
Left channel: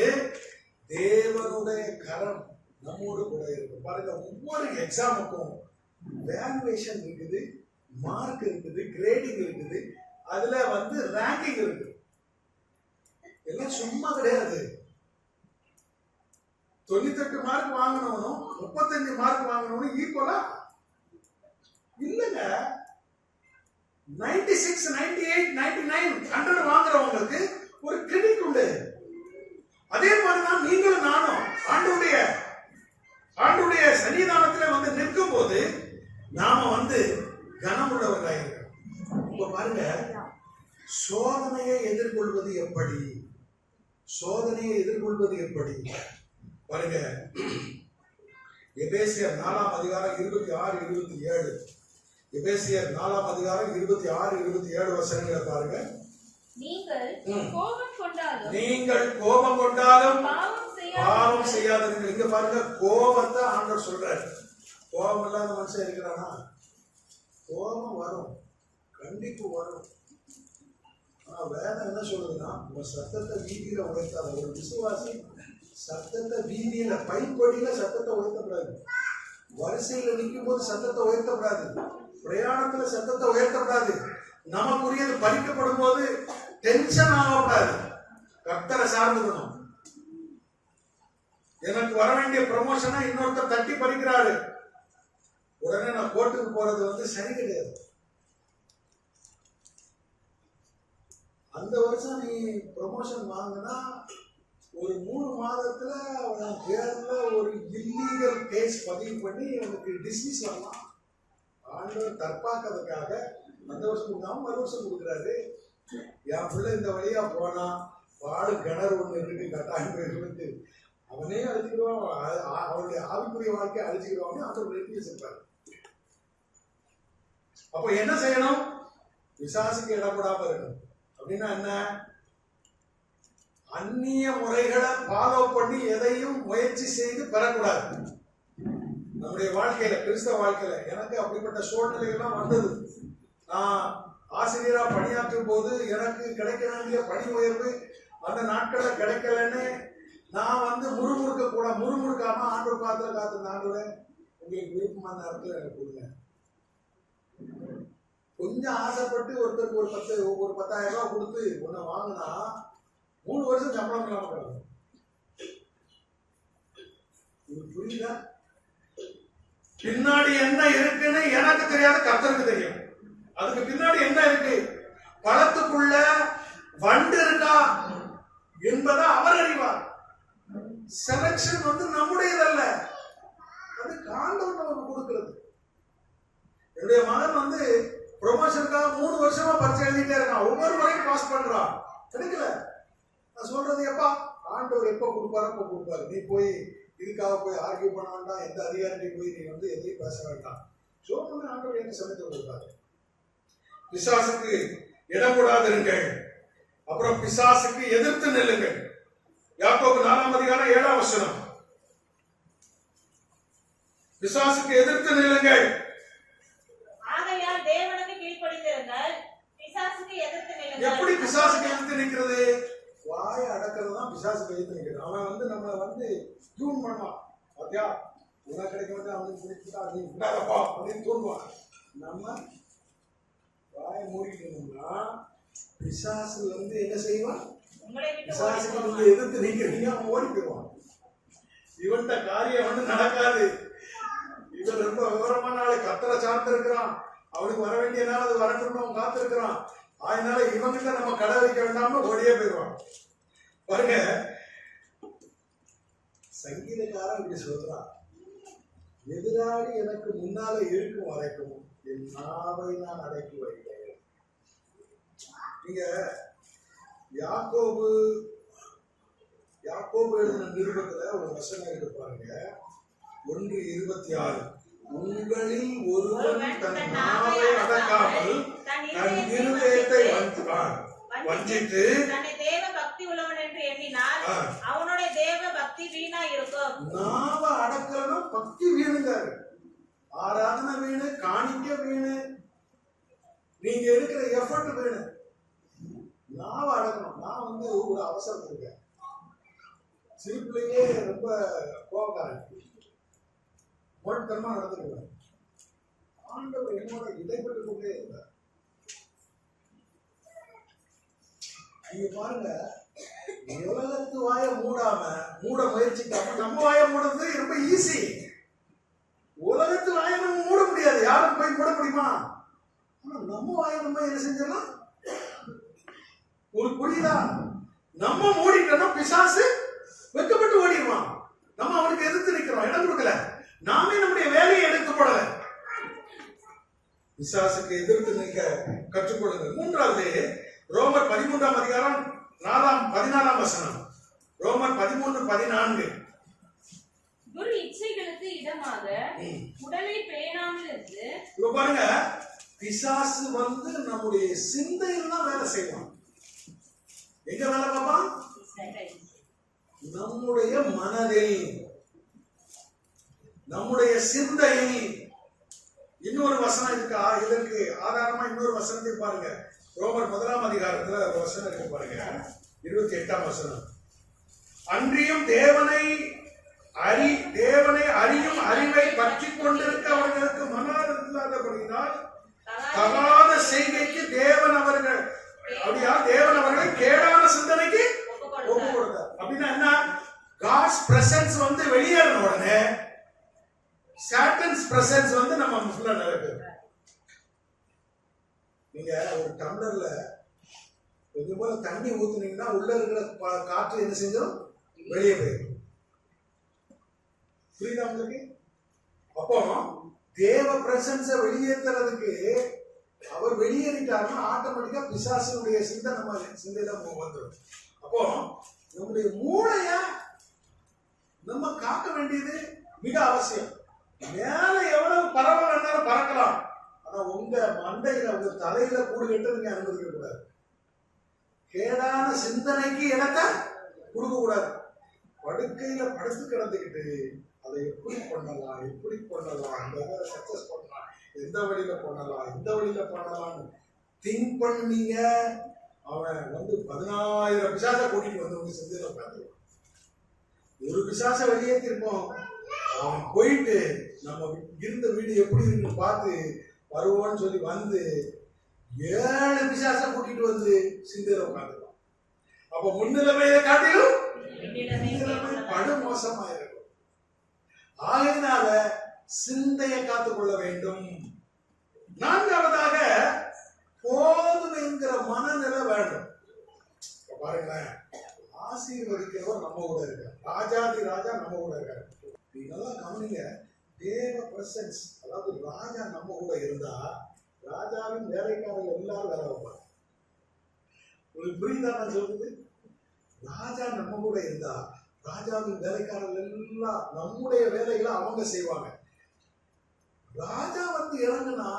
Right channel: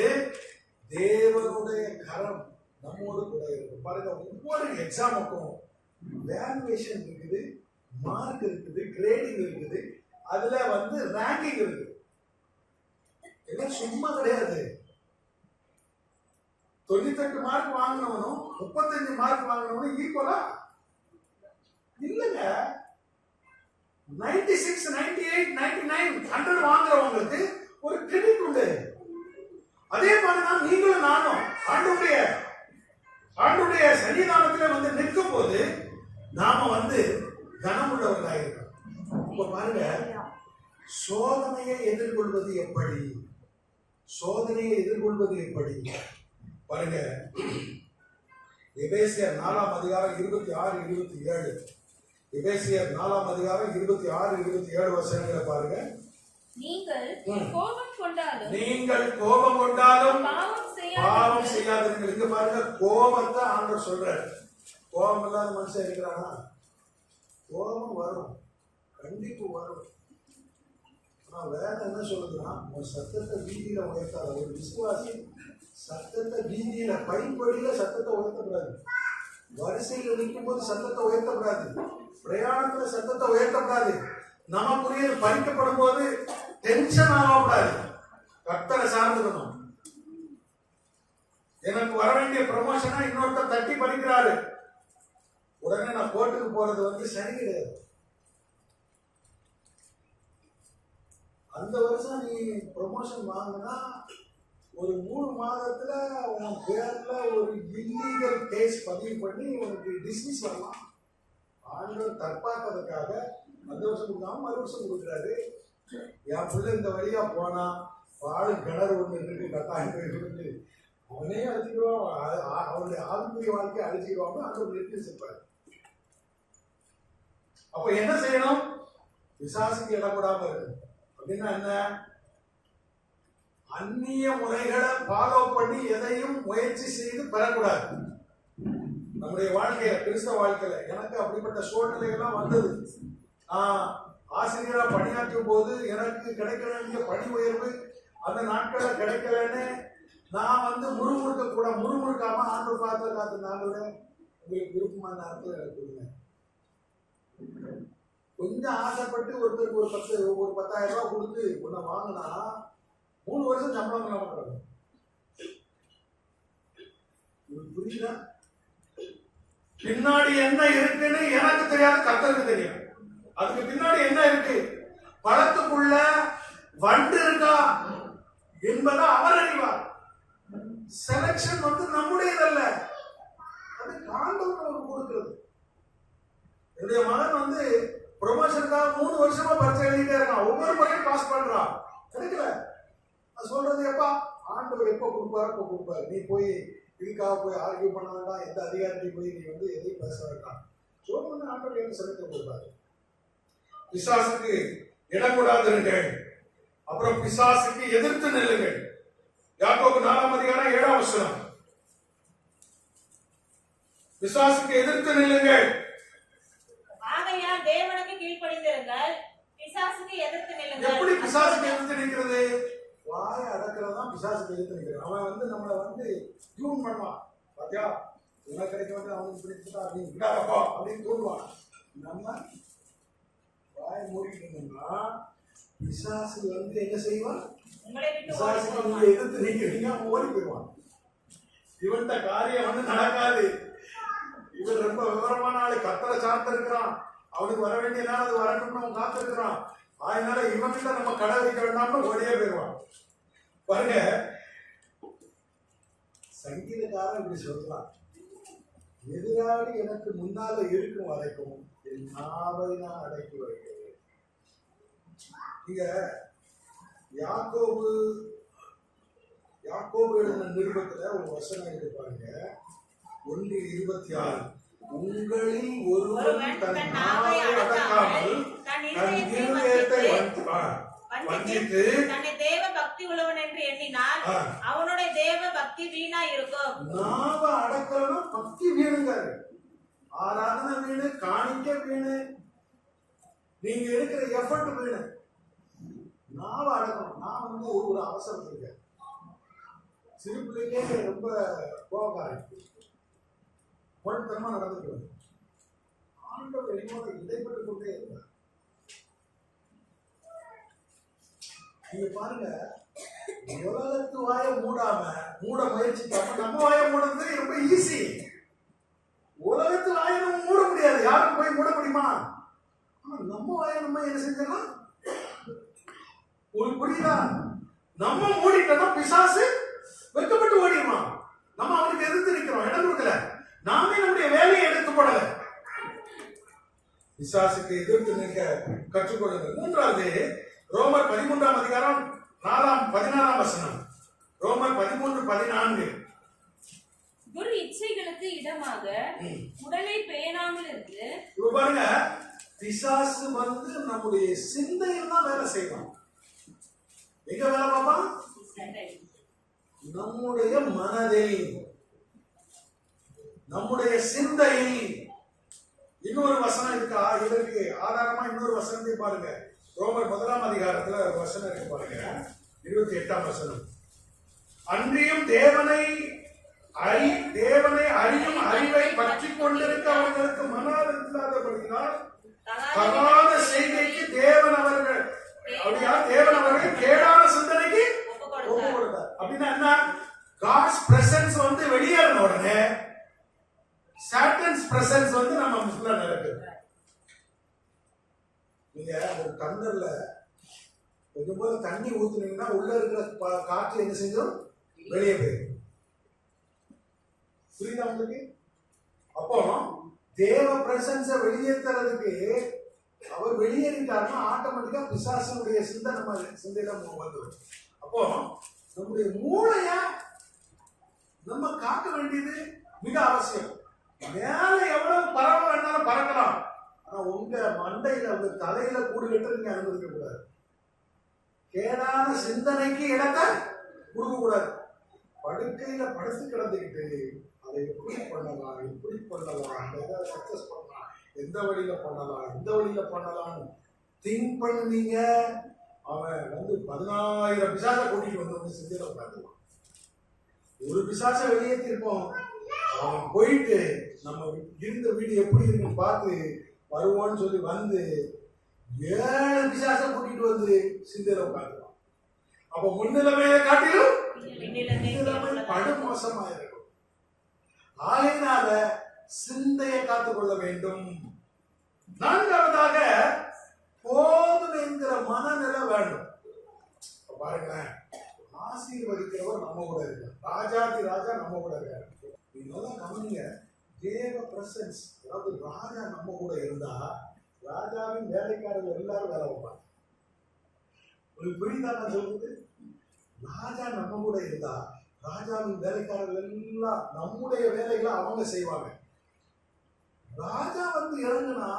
தேவனுடைய கரம் நம்மோடு கூட இருக்கும். பாருங்க, ஒவ்வொரு எக்ஸாமுக்கும் வேல்யூவேஷன் இருக்குது, மார்க் இருக்குது, கிரேடிங் இருக்குது, அதுல வந்து ரேங்கிங் இருக்குது. எல்லாம் சும்மா கிடையாது. 98 மார்க் வாங்கினவனும் 35 மார்க் வாங்கினவனும் ஈக்குவலா இல்லங்க. 96, 98, 99, 100 வாங்குறவங்களுக்கு ஒரு கிரெடிட் உண்டு. அதே மாதிரிதான் நீங்களும் நானும் ஆண்டவருடைய சன்னிதானத்திலே வந்து நிற்கும் போது நாம வந்து கனமுள்ளவர்களாயிருக்கோம். இப்ப பாருங்க, சோதனையை எதிர்கொள்வது எப்படி? சோதனையை எதிர்கொள்வது எப்படி பாருங்க. எபேசியர் 4ஆம் அதிகாரம் 26, 27. எபேசியர் 4ஆம் அதிகாரம் 26, 27 வசனங்களை பாருங்க. நீங்கள் கோபம் கொண்டாலும் பாவம் செய்யாதிருங்கள். செய்யாதிருங்கள். இங்க பாருங்க, கோபத்தை ஆண்டவர் சொல்றாரு. கோபம் இல்லாத மனுஷன் இருக்கிறானா? கோபம் வரும், கண்டிப்பு வரும். ஆனா வேதம் என்ன சொல்லுதுன்னா, உன் சத்தத்தை வீதியில உயர்த்தாத. ஒரு விசுவாசி சத்தத்தை வீதியில, பைப்படியில சத்தத்தை உயர்த்தக்கூடாது. வரிசையில நிற்கும் போது சத்தத்தை உயர்த்தக்கூடாது. பிரயாணத்துல சத்தத்தை உயர்த்தக்கூடாது. நமக்குரியது பறிக்கப்படும் போது டென்ஷன் ஆகக்கூடாது. கர்த்தரை சார்ந்துக்கணும். எனக்கு வர வேண்டிய ப்ரமோஷனா இன்னொருத்தர் தட்டி பறிக்கிறாரு, உடனே நான் கோர்ட்டுக்கு போறது வந்து சரி கிடையாது. அந்த வருஷம் நீ ப்ரமோஷன் வாங்கினா ஒரு 3 மாதத்துல உன் பேர்ல ஒரு இல்லீகல் கேஸ் பதிவு பண்ணி உனக்கு டிஸ்மிஸ் வரலாம். ஆண்டவர் தற்பாக்கிறதுக்காக அந்த வருஷம் கொடுக்காம மறு வருஷம் கொடுக்குறாரு. என் பிள்ளை இந்த வழியா போனா பாடு கிணறு ஒண்ணு இருக்கு, கட்டாயம் போயிட்டு அவனே அழிச்சுக்கிடுவான், அவனுடைய ஆவிக்குரிய வாழ்க்கையை அழிச்சுக்கிடுவாங்க. அந்த ஒரு நிறுத்தி வச்சிருப்பாரு. அப்ப என்ன செய்யணும்? பிசாசுக்கு இடப்படாம இருக்கணும். அப்படின்னா என்ன? அந்நிய முறைகளை ஃபாலோ பண்ணி எதையும் முயற்சி செய்து பெறக்கூடாது. நம்முடைய வாழ்க்கையில, கிறிஸ்தவ வாழ்க்கையில எனக்கு அப்படிப்பட்ட சூழ்நிலைகள்லாம் வந்தது. நான் ஆசிரியரா பணியாற்றும் போது எனக்கு கிடைக்க வேண்டிய பணி உயர்வு அந்த நாட்கள்ல கிடைக்கலன்னு நான் வந்து முறுமுறுக்காம ஆண்டவர் பார்த்து காத்துனாங்க. உங்களுக்கு விருப்பமான நேரத்தில் எனக்கு கொடுங்க. கொஞ்சம் ஆசைப்பட்டு ஒருத்தருக்கு ஒரு 10,000 ரூபாய் கொடுத்து உன்னை வாங்கினா 3 வருஷம் சம்பளம் இல்லாம கிடக்கும். புரியுதா? பின்னாடி என்ன இருக்குன்னு எனக்கு தெரியாது, கர்த்தருக்கு தெரியும். அதுக்கு பின்னாடி என்ன இருக்கு, பழத்துக்குள்ள வண்டு இருக்கா என்பதை அவர் அறிவார். செலக்ஷன் வந்து நம்முடையதல்ல, அது ஆண்டவர் நமக்கு கொடுக்கிறது. என்னுடைய மகன் வந்து ப்ரொமோஷனுக்காக 3 வருஷமா பரிச்சை எழுதிட்டே இருக்கான். ஒவ்வொரு முறையும் பாஸ் பண்றான், கிடைக்கல. நான் சொல்றது, எப்பா ஆண்டவர் எப்ப கொடுப்பாரு. நீ போய் இதுக்காக போய் ஆர்கியூ பண்ண வேண்டாம். எந்த அதிகாரியை போய் நீ வந்து எதையும் பேச வேண்டாம். சொல்றது ஆண்டவர் எனக்கு சமைத்து கொடுப்பாரு. பிசாசுக்கு இடம் கொடாதிருங்கள், அப்புறம் பிசாசுக்கு எதிர்த்து நில்லுங்கள். யாக்கோபு 4ஆம் அதிகாரம் 7ஆம் வசனம். பிசாசுக்கு எதிர்த்து நில்லுங்கள். ஆகையால் தேவனுக்கு கீழ்ப்படிந்திருங்கள், பிசாசுக்கு எதிர்த்து நில்லுங்கள். எப்படி பிசாசுக்கு எதிர்த்து நிற்கிறது? வாயை அடக்கிறது தான் பிசாசுக்கு எதிர்த்து நிற்கிறது. அவன் வந்து நம்மளை வந்து டியூன் பண்ணுவான். பாத்தியா, உனக்கு கிடைக்க வந்து அவனுக்கு பிடிச்சிட்டா நீ விடாதப்பா அப்படின்னு தோணுவான். நம்ம வாயை மூடிட்டு இருந்தோம்னா பிசாசு வந்து என்ன செய்வான்? பிசாசுக்கு நீங்க எதிர்த்து நிற்கிறீங்க, அவன் ஓடி போயிடுவான். இவன்ட காரியம் வந்து நடக்காது. இவன் ரொம்ப விவரமான ஆளு, கர்த்தரை சார்ந்து இருக்கிறான். அவனுக்கு வர வேண்டிய நேரம் அது வரட்டும்னு அவன் காத்து இருக்கிறான். அதனால இவன்கிட்ட நம்ம கடை வைக்க வேண்டாம்னு ஓடியே போயிடுவான். பாருங்க, சங்கீதக்காரன் இப்படி சொல்றான், எதிராளி எனக்கு முன்னால இருக்கும் வரைக்கும் என் நாவை நான் அடக்கி வைக்கிறேன். நீங்க யாக்கோபு யாக்கோபு எழுதின நிருபத்துல ஒரு வசனம் இருக்கு பாருங்க, 1:26. உங்களில் ஒருவன் தன் நாவை அடக்காமல் தன் இருதயத்தை வஞ்சித்து தன்னை தேவ பக்தி உள்ளவன் என்று எண்ணினால் அவனுடைய தேவ பக்தி வீணா இருக்கும். நாவ அடக்கலன்னா பக்தி வீணுங்காரு. ஆராதனை வீணு, காணிக்க வீணு, நீங்க எடுக்கிற எஃபர்ட் வீணு. நாவ அடக்கணும். நான் ஒரு அவசரம் இருக்கேன். சிறு பிள்ளைக்கே ரொம்ப கோபக்காரன், முரட்டுத்தனமா நடந்துருவேன். ஆண்டவர் என்னோட இடைப்பட்டு கொண்டே இருந்தார். நீங்க பாருங்க, உலகத்து வாய மூட முயற்சிக்காம நம்ம வாய மூடுறது ரொம்ப ஈஸி. உலகத்து வாய நம்ம மூட முடியாது, யாரும் போய் மூட முடியுமா? ஆனா நம்ம வாய நம்ம என்ன செஞ்சிடலாம்? உங்களுக்கு புரியுதா? நம்ம மூடிட்டோம்னா பிசாசு வெட்கப்பட்டு ஓடிடுவான். நம்ம அவனுக்கு எதிர்த்து நிக்கிறோம், இடம் கொடுக்கல. நாமே நம்முடைய வேலையை எடுத்து போடல. பிசாசுக்கு எதிர்த்து நிற்க கற்றுக்கொள்ளுங்கள். 3வது ரோமர் 13ஆம் அதிகாரம் 14ஆம் வசனம். ரோமர் 13:14. துர் இச்சைகளுக்கு இடமாக உடலை பேணாமல் இருந்து. இப்ப பாருங்க, பிசாசு நம்முடைய சிந்தையில் தான் வேலை செய்வான். எங்க வேலை பார்ப்பான்? நம்முடைய மனதில், நம்முடைய சிந்தையில். இன்னொரு வசனம் இருக்கு, இதற்கு ஆதாரமா இன்னொரு வசனத்தை பாருங்க. ரோமர் 1ஆம் அதிகாரத்துல வசனம் இருக்கு பாருங்க, 28ஆம் வசனம். அன்றியும் தேவனை அறியும் அறிவை பற்றி கொண்டிருக்க அவர்களுக்கு மனது இல்லாதபடியால் தகாத செய்கைக்கு தேவன் அவர்களை கேடான சிந்தனைக்கு ஒப்பு கொடுத்தார். அப்படின்னா என்ன? God's presence வெளியேறின உடனே Satan's presence நம்ம ஃபுல்லா நடக்குது. நீங்க ஒரு டம்ளர்ல கொஞ்சம் போல தண்ணி ஊத்துனீங்கன்னா உள்ள இருக்கிற காற்று என்ன செஞ்சோம்? வெளியே போயிடும். புரியுதா உங்களுக்கு? அப்போ தேவ பிரசன்ஸ வெளியேற்றுறதுக்கு அவர் வெளியேறிட்டாருன்னா ஆட்டோமேட்டிக்கா பிசாசனுடைய சிந்தை நம்ம சிந்தையில வந்துடும். அப்போ நம்முடைய மூளைய நம்ம காக்க வேண்டியது மிக அவசியம். மேல எவ்வளவு பறவை வேணாலும் பறக்கலாம், ஆனா உங்க மண்டையில உங்க தலையில கூடு கட்ட நீங்க அனுமதிக்க கூடாது. கேடான சிந்தனைக்கு இடத்தை கொடுக்க கூடாது. படுக்கையில படுத்து கிடந்துக்கிட்டு அதை எப்படி பண்ணலாம், அந்த இதை சக்சஸ் பண்ணலாம், எந்த வழியில பண்ணலாம்னு திங்க் பண்ணீங்க. அவன் 10,000 பிசாச கூட்டிட்டு உங்க செஞ்சதை உட்காந்துருவான். ஒரு பிசாச வெளியேற்றிருப்போம், அவன் போயிட்டு நம்ம இருந்த வீடு எப்படி இருக்குன்னு பார்த்து வருவோன்னு சொல்லி 7 பிசாச கூட்டிட்டு சிந்தையில உட்காந்துருவான். அப்ப முன்னிலைமையை காட்டிலும் பின்னிலைமை படுமோசமாயிருக்கும். ஆகையினால சிந்தையை காத்துக்கொள்ள வேண்டும். 4வதாக போதும் என்கிற மனநிலை வேண்டும். பாருங்களேன், ஆசீர்வதிக்கிறவர் நம்ம கூட இருக்கார், ராஜாதி ராஜா நம்ம கூட இருக்காரு. நீங்க நல்லா கவனிங்க, தேவ பிரசன்ஸ், அதாவது ராஜா நம்ம கூட இருந்தா ராஜாவின் வேலைக்காரர்கள் எல்லாரும் வேலை வைப்பாங்க. உங்களுக்கு புரியுதா நான் சொல்றது? ராஜா நம்ம கூட இருந்தா ராஜாவின் வேலைக்காரர்கள் எல்லாம் நம்முடைய வேலைகளை அவங்க செய்வாங்க. ராஜா இறங்குனா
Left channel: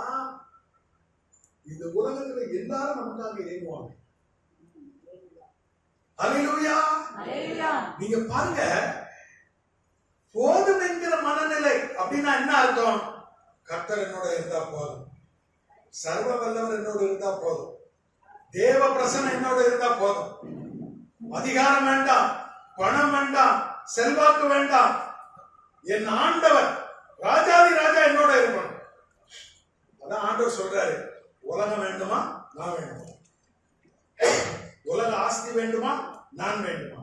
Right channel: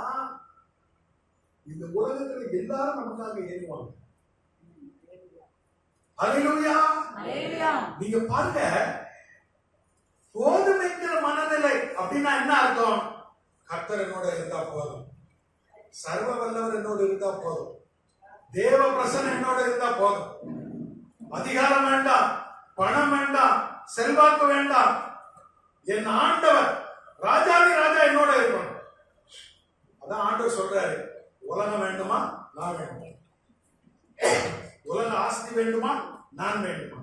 இந்த உலகத்துல எல்லாரும் நமக்காக ஏறுவாங்க. அல்லேலூயா. நீங்க பாருங்க, போதும் என்கிற மனநிலை அப்படின்னா என்ன அர்த்தம்? கர்த்தர் என்னோட இருந்தா போதும், சர்வ வல்லவர் என்னோட இருந்தா போதும், தேவ பிரசன்னம் என்னோட இருந்தா போதும். அதிகாரம் வேண்டாம், பணம் வேண்டாம், செல்வாக்கு வேண்டாம், என் ஆண்டவர் ராஜாதி ராஜா என்னோட இருக்கணும். அதான் ஆண்டவர் சொல்றாரு, உலகம் வேண்டுமா நான் வேண்டுமா, உலக ஆஸ்தி வேண்டுமா நான் வேண்டுமா.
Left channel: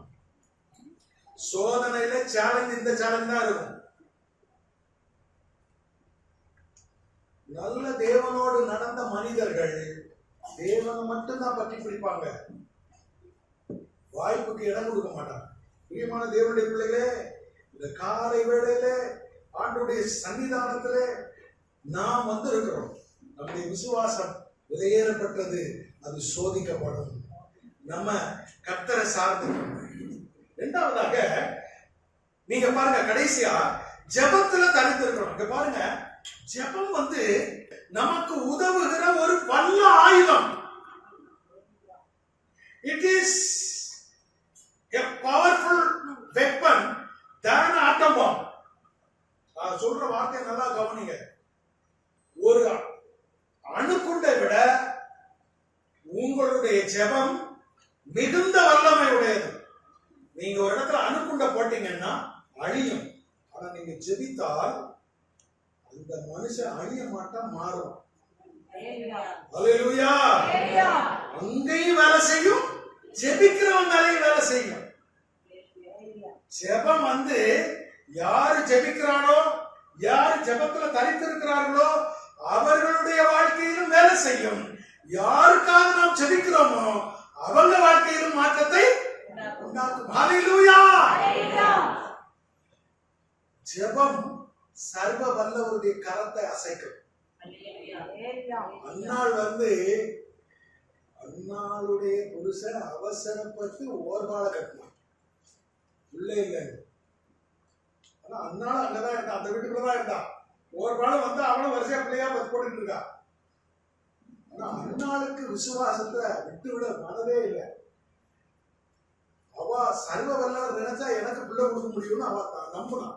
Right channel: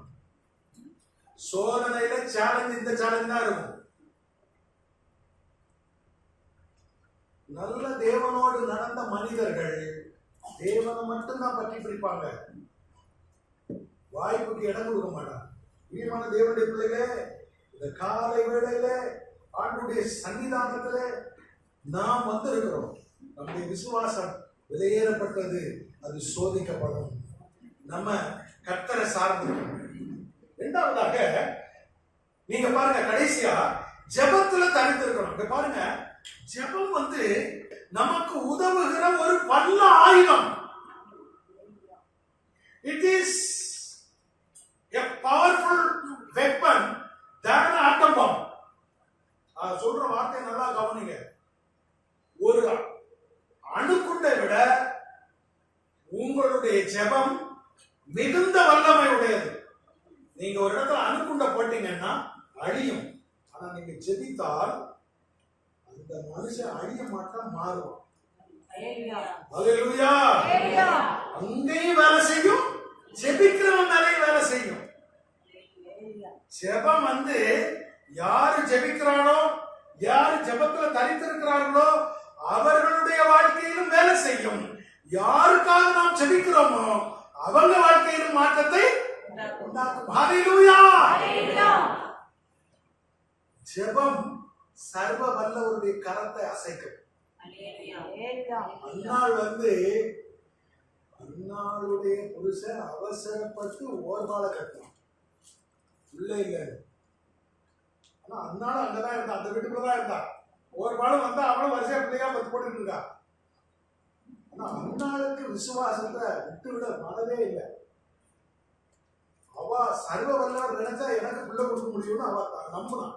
சோதனையில சேலஞ்ச், இந்த சேலஞ்ச் தான் இருக்கும். நல்ல தேவனோடு நடந்த மனிதர்கள் தேவனை மட்டும்தான் பற்றி பிடிப்பாங்க, வாய்ப்புக்கு இடம் கொடுக்க மாட்டாங்க. பிரியமான தேவனுடைய பிள்ளைகளே, இந்த காலை வேளையில ஆண்டுடைய சன்னிதானத்துல நாம் இருக்கிறோம். நம்முடைய விசுவாசம் விலையேறப்பட்டது, அது சோதிக்கப்படும். நம்ம கர்த்தரை சார்ந்திருக்கோம். இரண்டாவதாக நீங்க பாருங்க, கடைசியா ஜெபத்துல தனித்திருக்கணும். இங்க பாருங்க, ஜெபம் நமக்கு உதவுகிற ஒரு வல்ல ஆயுதம். It is a powerful weapon than an atom bomb. சொல்ற வார்த்தையை நல்லா கவனிங்க. ஒரு அணுகுண்டை விட உங்களுடைய ஜெபம் மிகுந்த வல்லமை உடையது. நீங்க ஒரு இடத்துல அணுகுண்ட போட்டீங்கன்னா அழியும். ஆனா நீங்க ஜெபித்தால் அந்த மனுஷன் அழிய மாட்டான், மாறுவான். அல்லேலூயா. அங்கேயும் வேலை செய்யும், ஜெபிக்கிறவன் மேலேயும் வேலை செய்யும். ஜெபம் யாரு ஜெபிக்கிறானோ, யாரு ஜெபத்துல தரித்திருக்கிறார்களோ அவர்களுடைய வாழ்க்கையிலும் வேலை செய்யும். யாருக்காக நாம் ஜெபிக்கிறோமோ அவங்க வாழ்க்கையிலும் மாற்றத்தை உண்டாக்கும். ஹல்லேலூயா. ஜெபம் சர்வ வல்லவருடைய கரத்தை அசைக்கும். அன்னாள் அன்னாளுடைய புருஷன் அவசரப்பட்டு ஓர்பால கட்டினான், உள்ள இல்லை. ஆனா அன்னாள் அங்கதான் இருந்தா, அந்த வீட்டுக்குள்ளதான் இருந்தா. ஓர்பாலும் அவளும் வரிசையா பிள்ளையா பத்து போட்டுட்டு இருக்கா. ஆனா அன்னாளுக்கு விசுவாசத்தை விட்டுவிட மனதே இல்லை. அவ சர்வ வல்லவர் நினைச்சா எனக்கு பிள்ளை கொடுக்க முடியும்னு அவ நம்பினான்.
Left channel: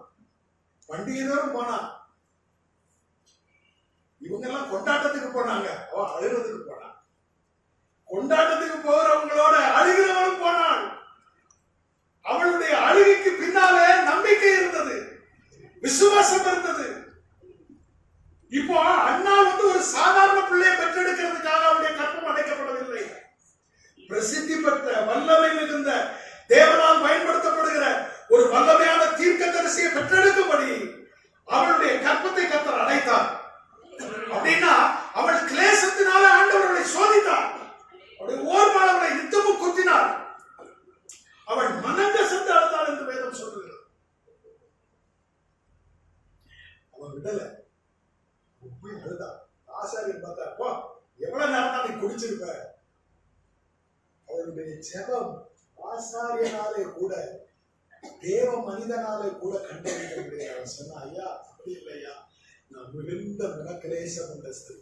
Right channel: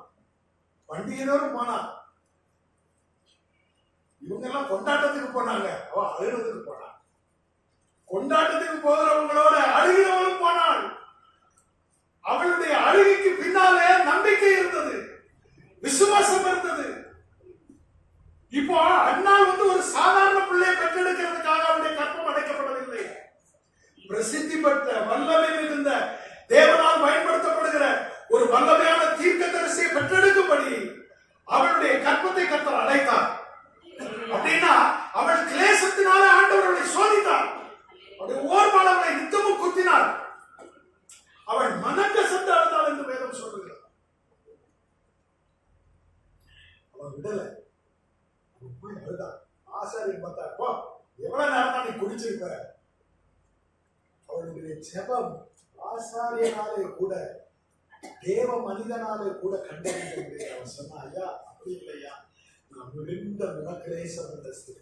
பண்டிகையோரும் போனா. இவங்க எல்லாம் கொண்டாட்டத்துக்கு போனாங்க, அவ அழுகிறதுக்கு போனா. கொண்டாட்டத்துக்கு போகிறவங்களோட அழுகிறவளும் போனாள். அவளுடைய அழுகைக்கு பின்னாலே நம்பிக்கை இருந்தது, விசுவாசம் இருந்தது. இப்போ அண்ணாள் ஒரு சாதாரண பிள்ளையை பெற்றெடுக்கிறதுக்காக அவருடைய கற்பம் அடைக்கப்படவில்லை. பிரசித்தி பெற்ற வல்லமை மிகுந்த தேவனால் பயன்படுத்தப்படுகிற ஒரு வல்லமையான தீர்க்கதரிசியை பெற்றெடுக்கும்படி அவளுடைய கற்பத்தை கர்த்தர் அடைத்தார். அப்படின்னா அவள் கிளேசத்தினால ஆண்டவர் அவளை சோதித்தார். அவளுடைய ஓர்பாளவளை நித்தமும் குத்தினார். அவள் மனங்கசந்து அழுதாள் என்று வேதம் சொல்லுகிறார். அவன் விடல, போய் அழுதா. ஆசாரியன் பார்த்தா, போ எவ்வளவு நேரம் தான் நீ குடிச்சிருப்ப. அவளுடைய ஜெபம் ஆசாரியனாலே கூட தேவ மனிதனாலே கூட கண்டறிய அவன் சொன்ன, ஐயா அப்படி இல்லையா, நான் மிகுந்த மனக்கிலேசம் என்ற ஸ்திரீ.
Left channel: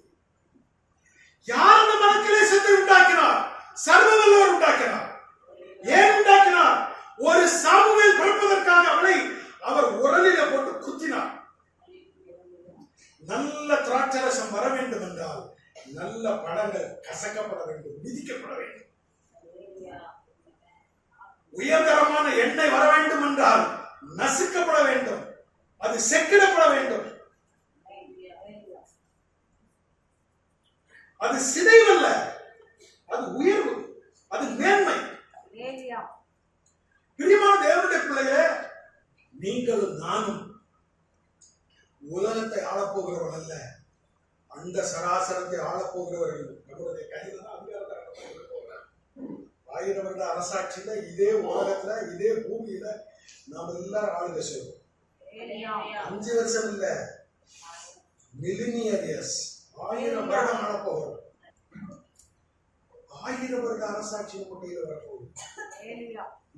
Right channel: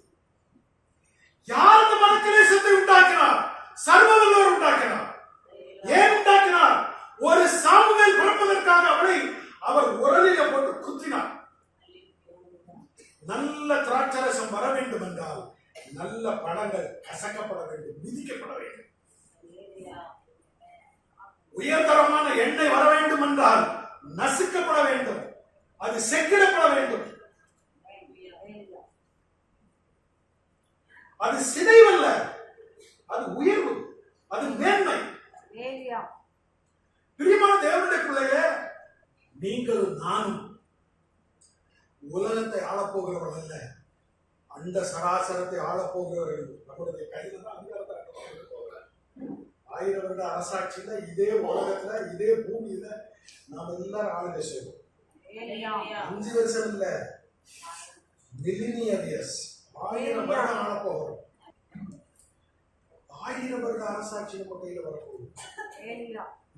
யார் அந்த மனக்கிலேசத்தை உண்டாக்கினார்? சர்வவல்லவர் உண்டாக்கினார். ஏன் உண்டாக்கினார்? ஒரு சாமுவேல் பிறப்பதற்காக அவளை அவர் உரலில போட்டு குத்தினார். நல்ல திராட்சரசம் வர வேண்டும் என்றால் நல்ல பழங்கள் கசக்கப்பட வேண்டும், மிதிக்கப்பட வேண்டும். உயர்தரமான எண்ணெய் வர வேண்டும் என்றால் நசுக்கப்பட வேண்டும், அது செக்கிடப்பட வேண்டும். அது சிதைவல்ல, அது உயர்வு, அது மேன்மை. பிரியமான தேவனுடைய பிள்ளையே, நீங்களும் நானும் உலகத்தை ஆளப்போகிறவர்கள் அல்ல, அந்த சராசரத்தை ஆளப்போகிறவர்கள். நம்முடைய கையில தான் அதிகாரத்தை போகிறார். 1000 வருட அரசாட்சியில இதே உலகத்துல இதே பூமியில நாம் எல்லாரும் ஆளுகை செய்வோம். 5 வருஷம் இல்ல, மில்லினியர் இயர்ஸ், 1000 வருடம் ஆளப்போகிறோம். 1000 வருட அரசாட்சி நம்ம கையில வரப்போகுது.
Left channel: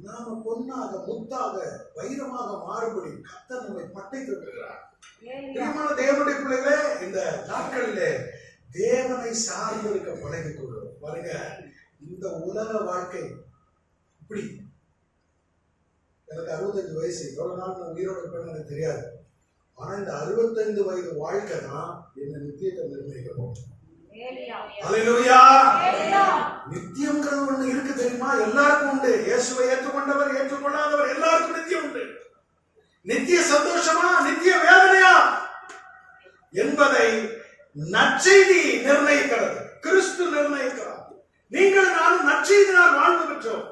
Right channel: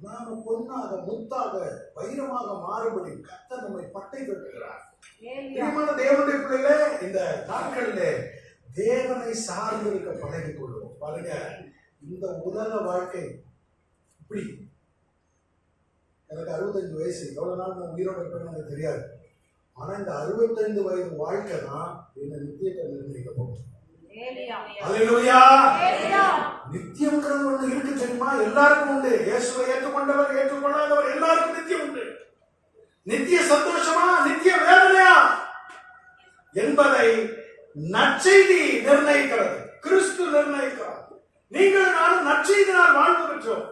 நாம பொன்னாக, முத்தாக, வைரமாக மாறுபடி கர்த்தர் நம்மை பட்டை கட்டுகிறார். தேவனுடைய பிள்ளைகளே, இந்த நாட்களிலே தேவனை சார்ந்து இருக்க பழகிக் கொள்வோம். பாருங்க, இந்த உலக வாழ்க்கை இப்படி. எனக்கு 65 வயசு, எவ்வளவு நாள் நான் உயிரோடு இருப்பேன்னு எனக்கு தெரியாது. ஆனா இந்த 65 வயது வாழ்க்கை தான் என்ன நித்தியத்தை நிர்ணயிக்க போகும். அல்லேலூயா. நித்தியம்ங்கிறது ஒண்ணு இருக்கு தெரியுமா? எல்லாருக்கும் உண்டு. இயேசுவை ஏற்றுக்கொண்டவர், ஏற்றுக்கொள்ளாதவர் எல்லாருக்கும் நித்தியம் உண்டு. நித்திய சந்தோஷமா, நித்திய வேதனையா என்பதை நற்செய்தி நிர்ணயிக்கிறது, கிறிஸ்து நிர்ணயிக்கிறார். நீங்கள் நானும் நற்செய்தினால் வாழ்வு பெற்றோம்.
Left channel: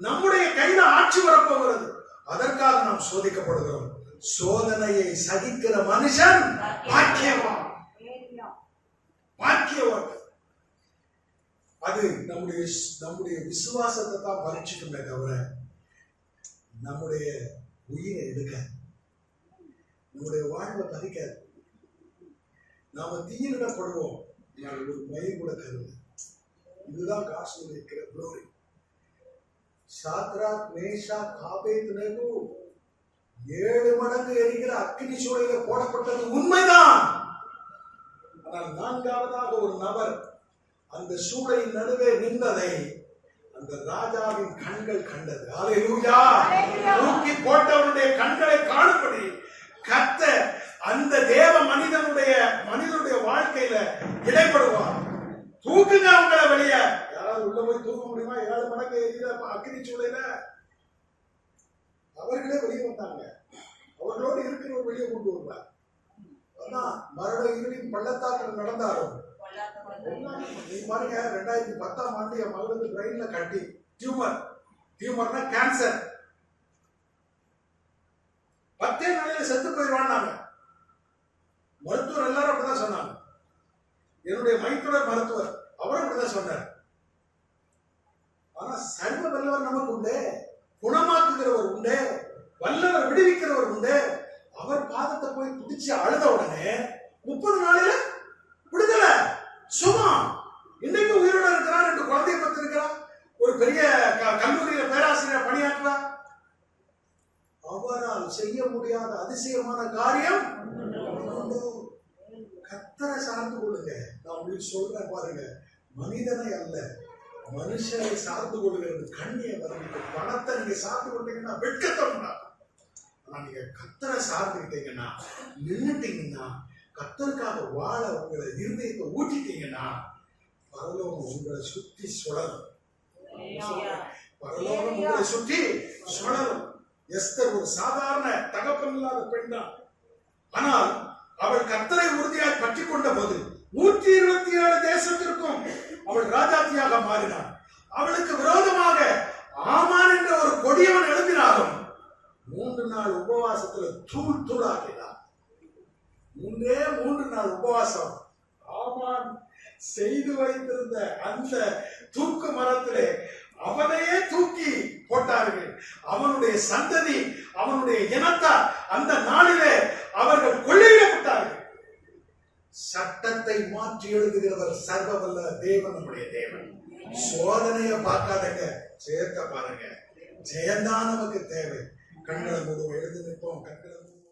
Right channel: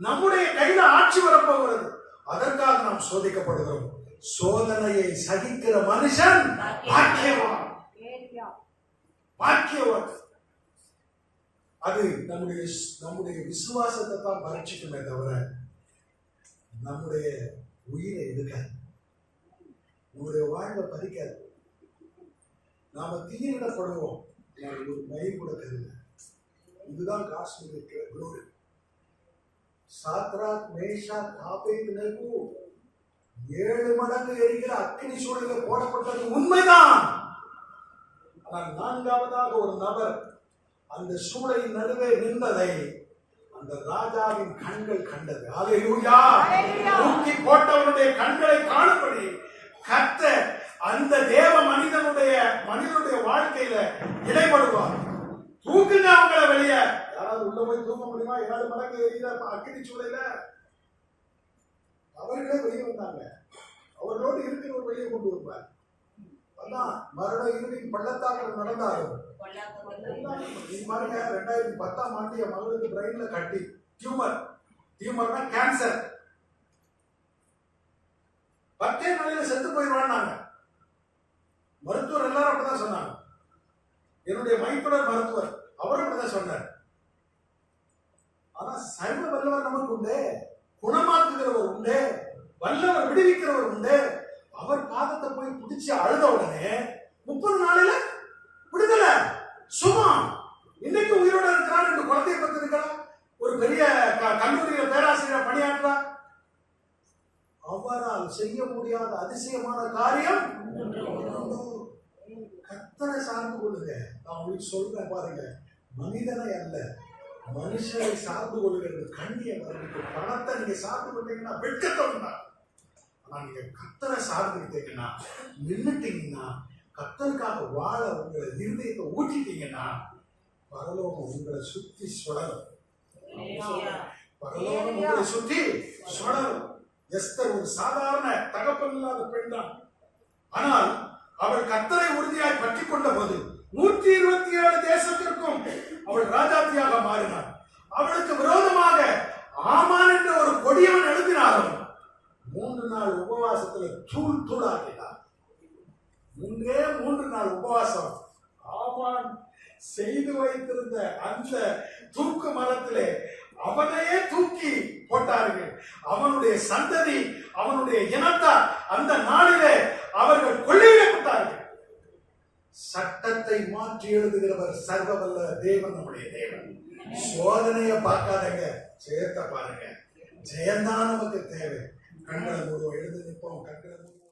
நம்முடைய கையில ஆட்சி வரப்போகிறது. அதற்காக நாம் சோதிக்கப்படுகிறோம். சோதனையை சகிக்கிற மனுஷன் பாக்கியவான். பாக்கியவான். அது நம்முடைய விசுவாசத்தை தான் பரீட்சிக்குமே தவிர நம்முடைய உயிரை எடுக்காது, நம்முடைய வாழ்வை பறிக்காது. நாம தீயிடப்படுவோம், ஒரு மயில் கூட கருது. இதுதான் காசுல இருக்கிற குளோரி. சாத்ராக் மேஷாக் ஆபேத்நேகோ 7 மடங்கு எரிகிற அக்கினி சூளையில போடப்பட்டது உண்மைதான். ஆனால் 4வதாக ஒரு நபர் அந்த சூளையின் நடுவே நின்றதை அந்த ராஜாவின் கண்கள் கண்டது. அல்லேலூயா. தூக்கி போட்டவனுடைய கண்களை காணும்படி கர்த்தர் அந்த தேவ மனிதனுடைய வாழ்க்கையில இடைப்படுவார். தூக்குங்க அவங்கள வெளியே. யாராவது உள்ள போய் தூக்க முடியுமா? 7 மடங்கு எரிகிற அக்கினி சூளையில அவர்களே வெளியே வந்தாங்க. அவர்களோடு இருக்கிறவர் வெளியே கொண்டு வருவார். அதான் மரண இருளின் பள்ளத்தாக்கில் நடந்தாலும் நீ பாருங்க, 2010ஆம் ஆண்டு என் மகளுக்கு பிரெயின்ல கட்டி டியூமர்னா கேன்சர். 10 நாளையில செத்து போயிடுவான்னாங்க மருத்துவர். எல்லாரும் அப்படிதான் சொன்னாங்க. என்னுடைய மைத்துனர் மருத்துவர் அவரும் அப்படிதான் சொன்னார். ஆனா சர்வ வல்லவர் நமக்கு உண்டு, குணமாக்குகிறவர் உண்டு, வல்லவர் விடுவிக்கிறவர் உண்டு. அவர் பாதத்தை போய் பிடிச்சி அழுத உடனே 30 நாளில விடுதலை, சுகம். இன்னைக்கு உயிரோட இருக்கிறார். 2 குழந்தையை பத்தி இருக்கிறார். ஒரு பெரிய கல்லூரியில பேராசிரியர் பணியாற்றுறார். அவரால் செய்ய முடியாத அதிசயமான காரியம் கர்த்தரை சார்ந்து கொள்ளுங்க. நான் உங்களுக்கு சொல்றேன் பாருங்க, மனிதனை அல்ல மனுஷனை சார்ந்து கொள்ளுகிறது கண்ணிய வரதுக்கு. பணத்தை நீங்க சார்ந்து கொண்டீங்கன்னா வெட்கத்தை உண்டாகும். ஆனா நீங்க கர்த்தரை சார்ந்துக்கிட்டீங்கன்னா, நின்னுட்டீங்கன்னா, கர்த்தருக்காக வாழ உங்களை இருதயத்தை ஊற்றிட்டீங்கன்னா, பரலோகம் உங்களை சுத்தி சுழலும். பரலோகம் உங்களை சுத்தி சுழலும். எஸ்தர் ஒரு சாதாரண தகப்பன் இல்லாத பெண் தான். ஆனால் அவள் கர்த்தரை உறுதியாய் பற்றி கொண்ட போது 127 தேசத்திற்கும் அவள் ராஜாத்தியாக மாறினாள். அவளுக்கு விரோதமாக ஆமான் என்ற ஒரு கொடியவன் எழுப்பினாலும் 3 நாள் உபவாசத்துல தூள் தூளாக்கினார். 3 நாள் உபவாசம். ஆமான் செய்து வைத்திருந்த அந்த தூக்கு மரத்திலே அவனையே தூக்கி போட்டார்கள். அவனுடைய சந்ததி, அவனுடைய இனத்தார் அந்த நாளிலே அவர்கள் கொள்ளையிடப்பட்டார்கள். சட்டத்தை மாற்றி எழுதுகிறவர் சர்வவல்ல தேவன், நம்முடைய தேவன். சோதனையை பார்க்காதங்க, ஜெயத்தை பாருங்க. ஜெயந்தான் நமக்கு தேவை. கண்களை மூடுவோம், எழுந்து நிற்போம். கண்களை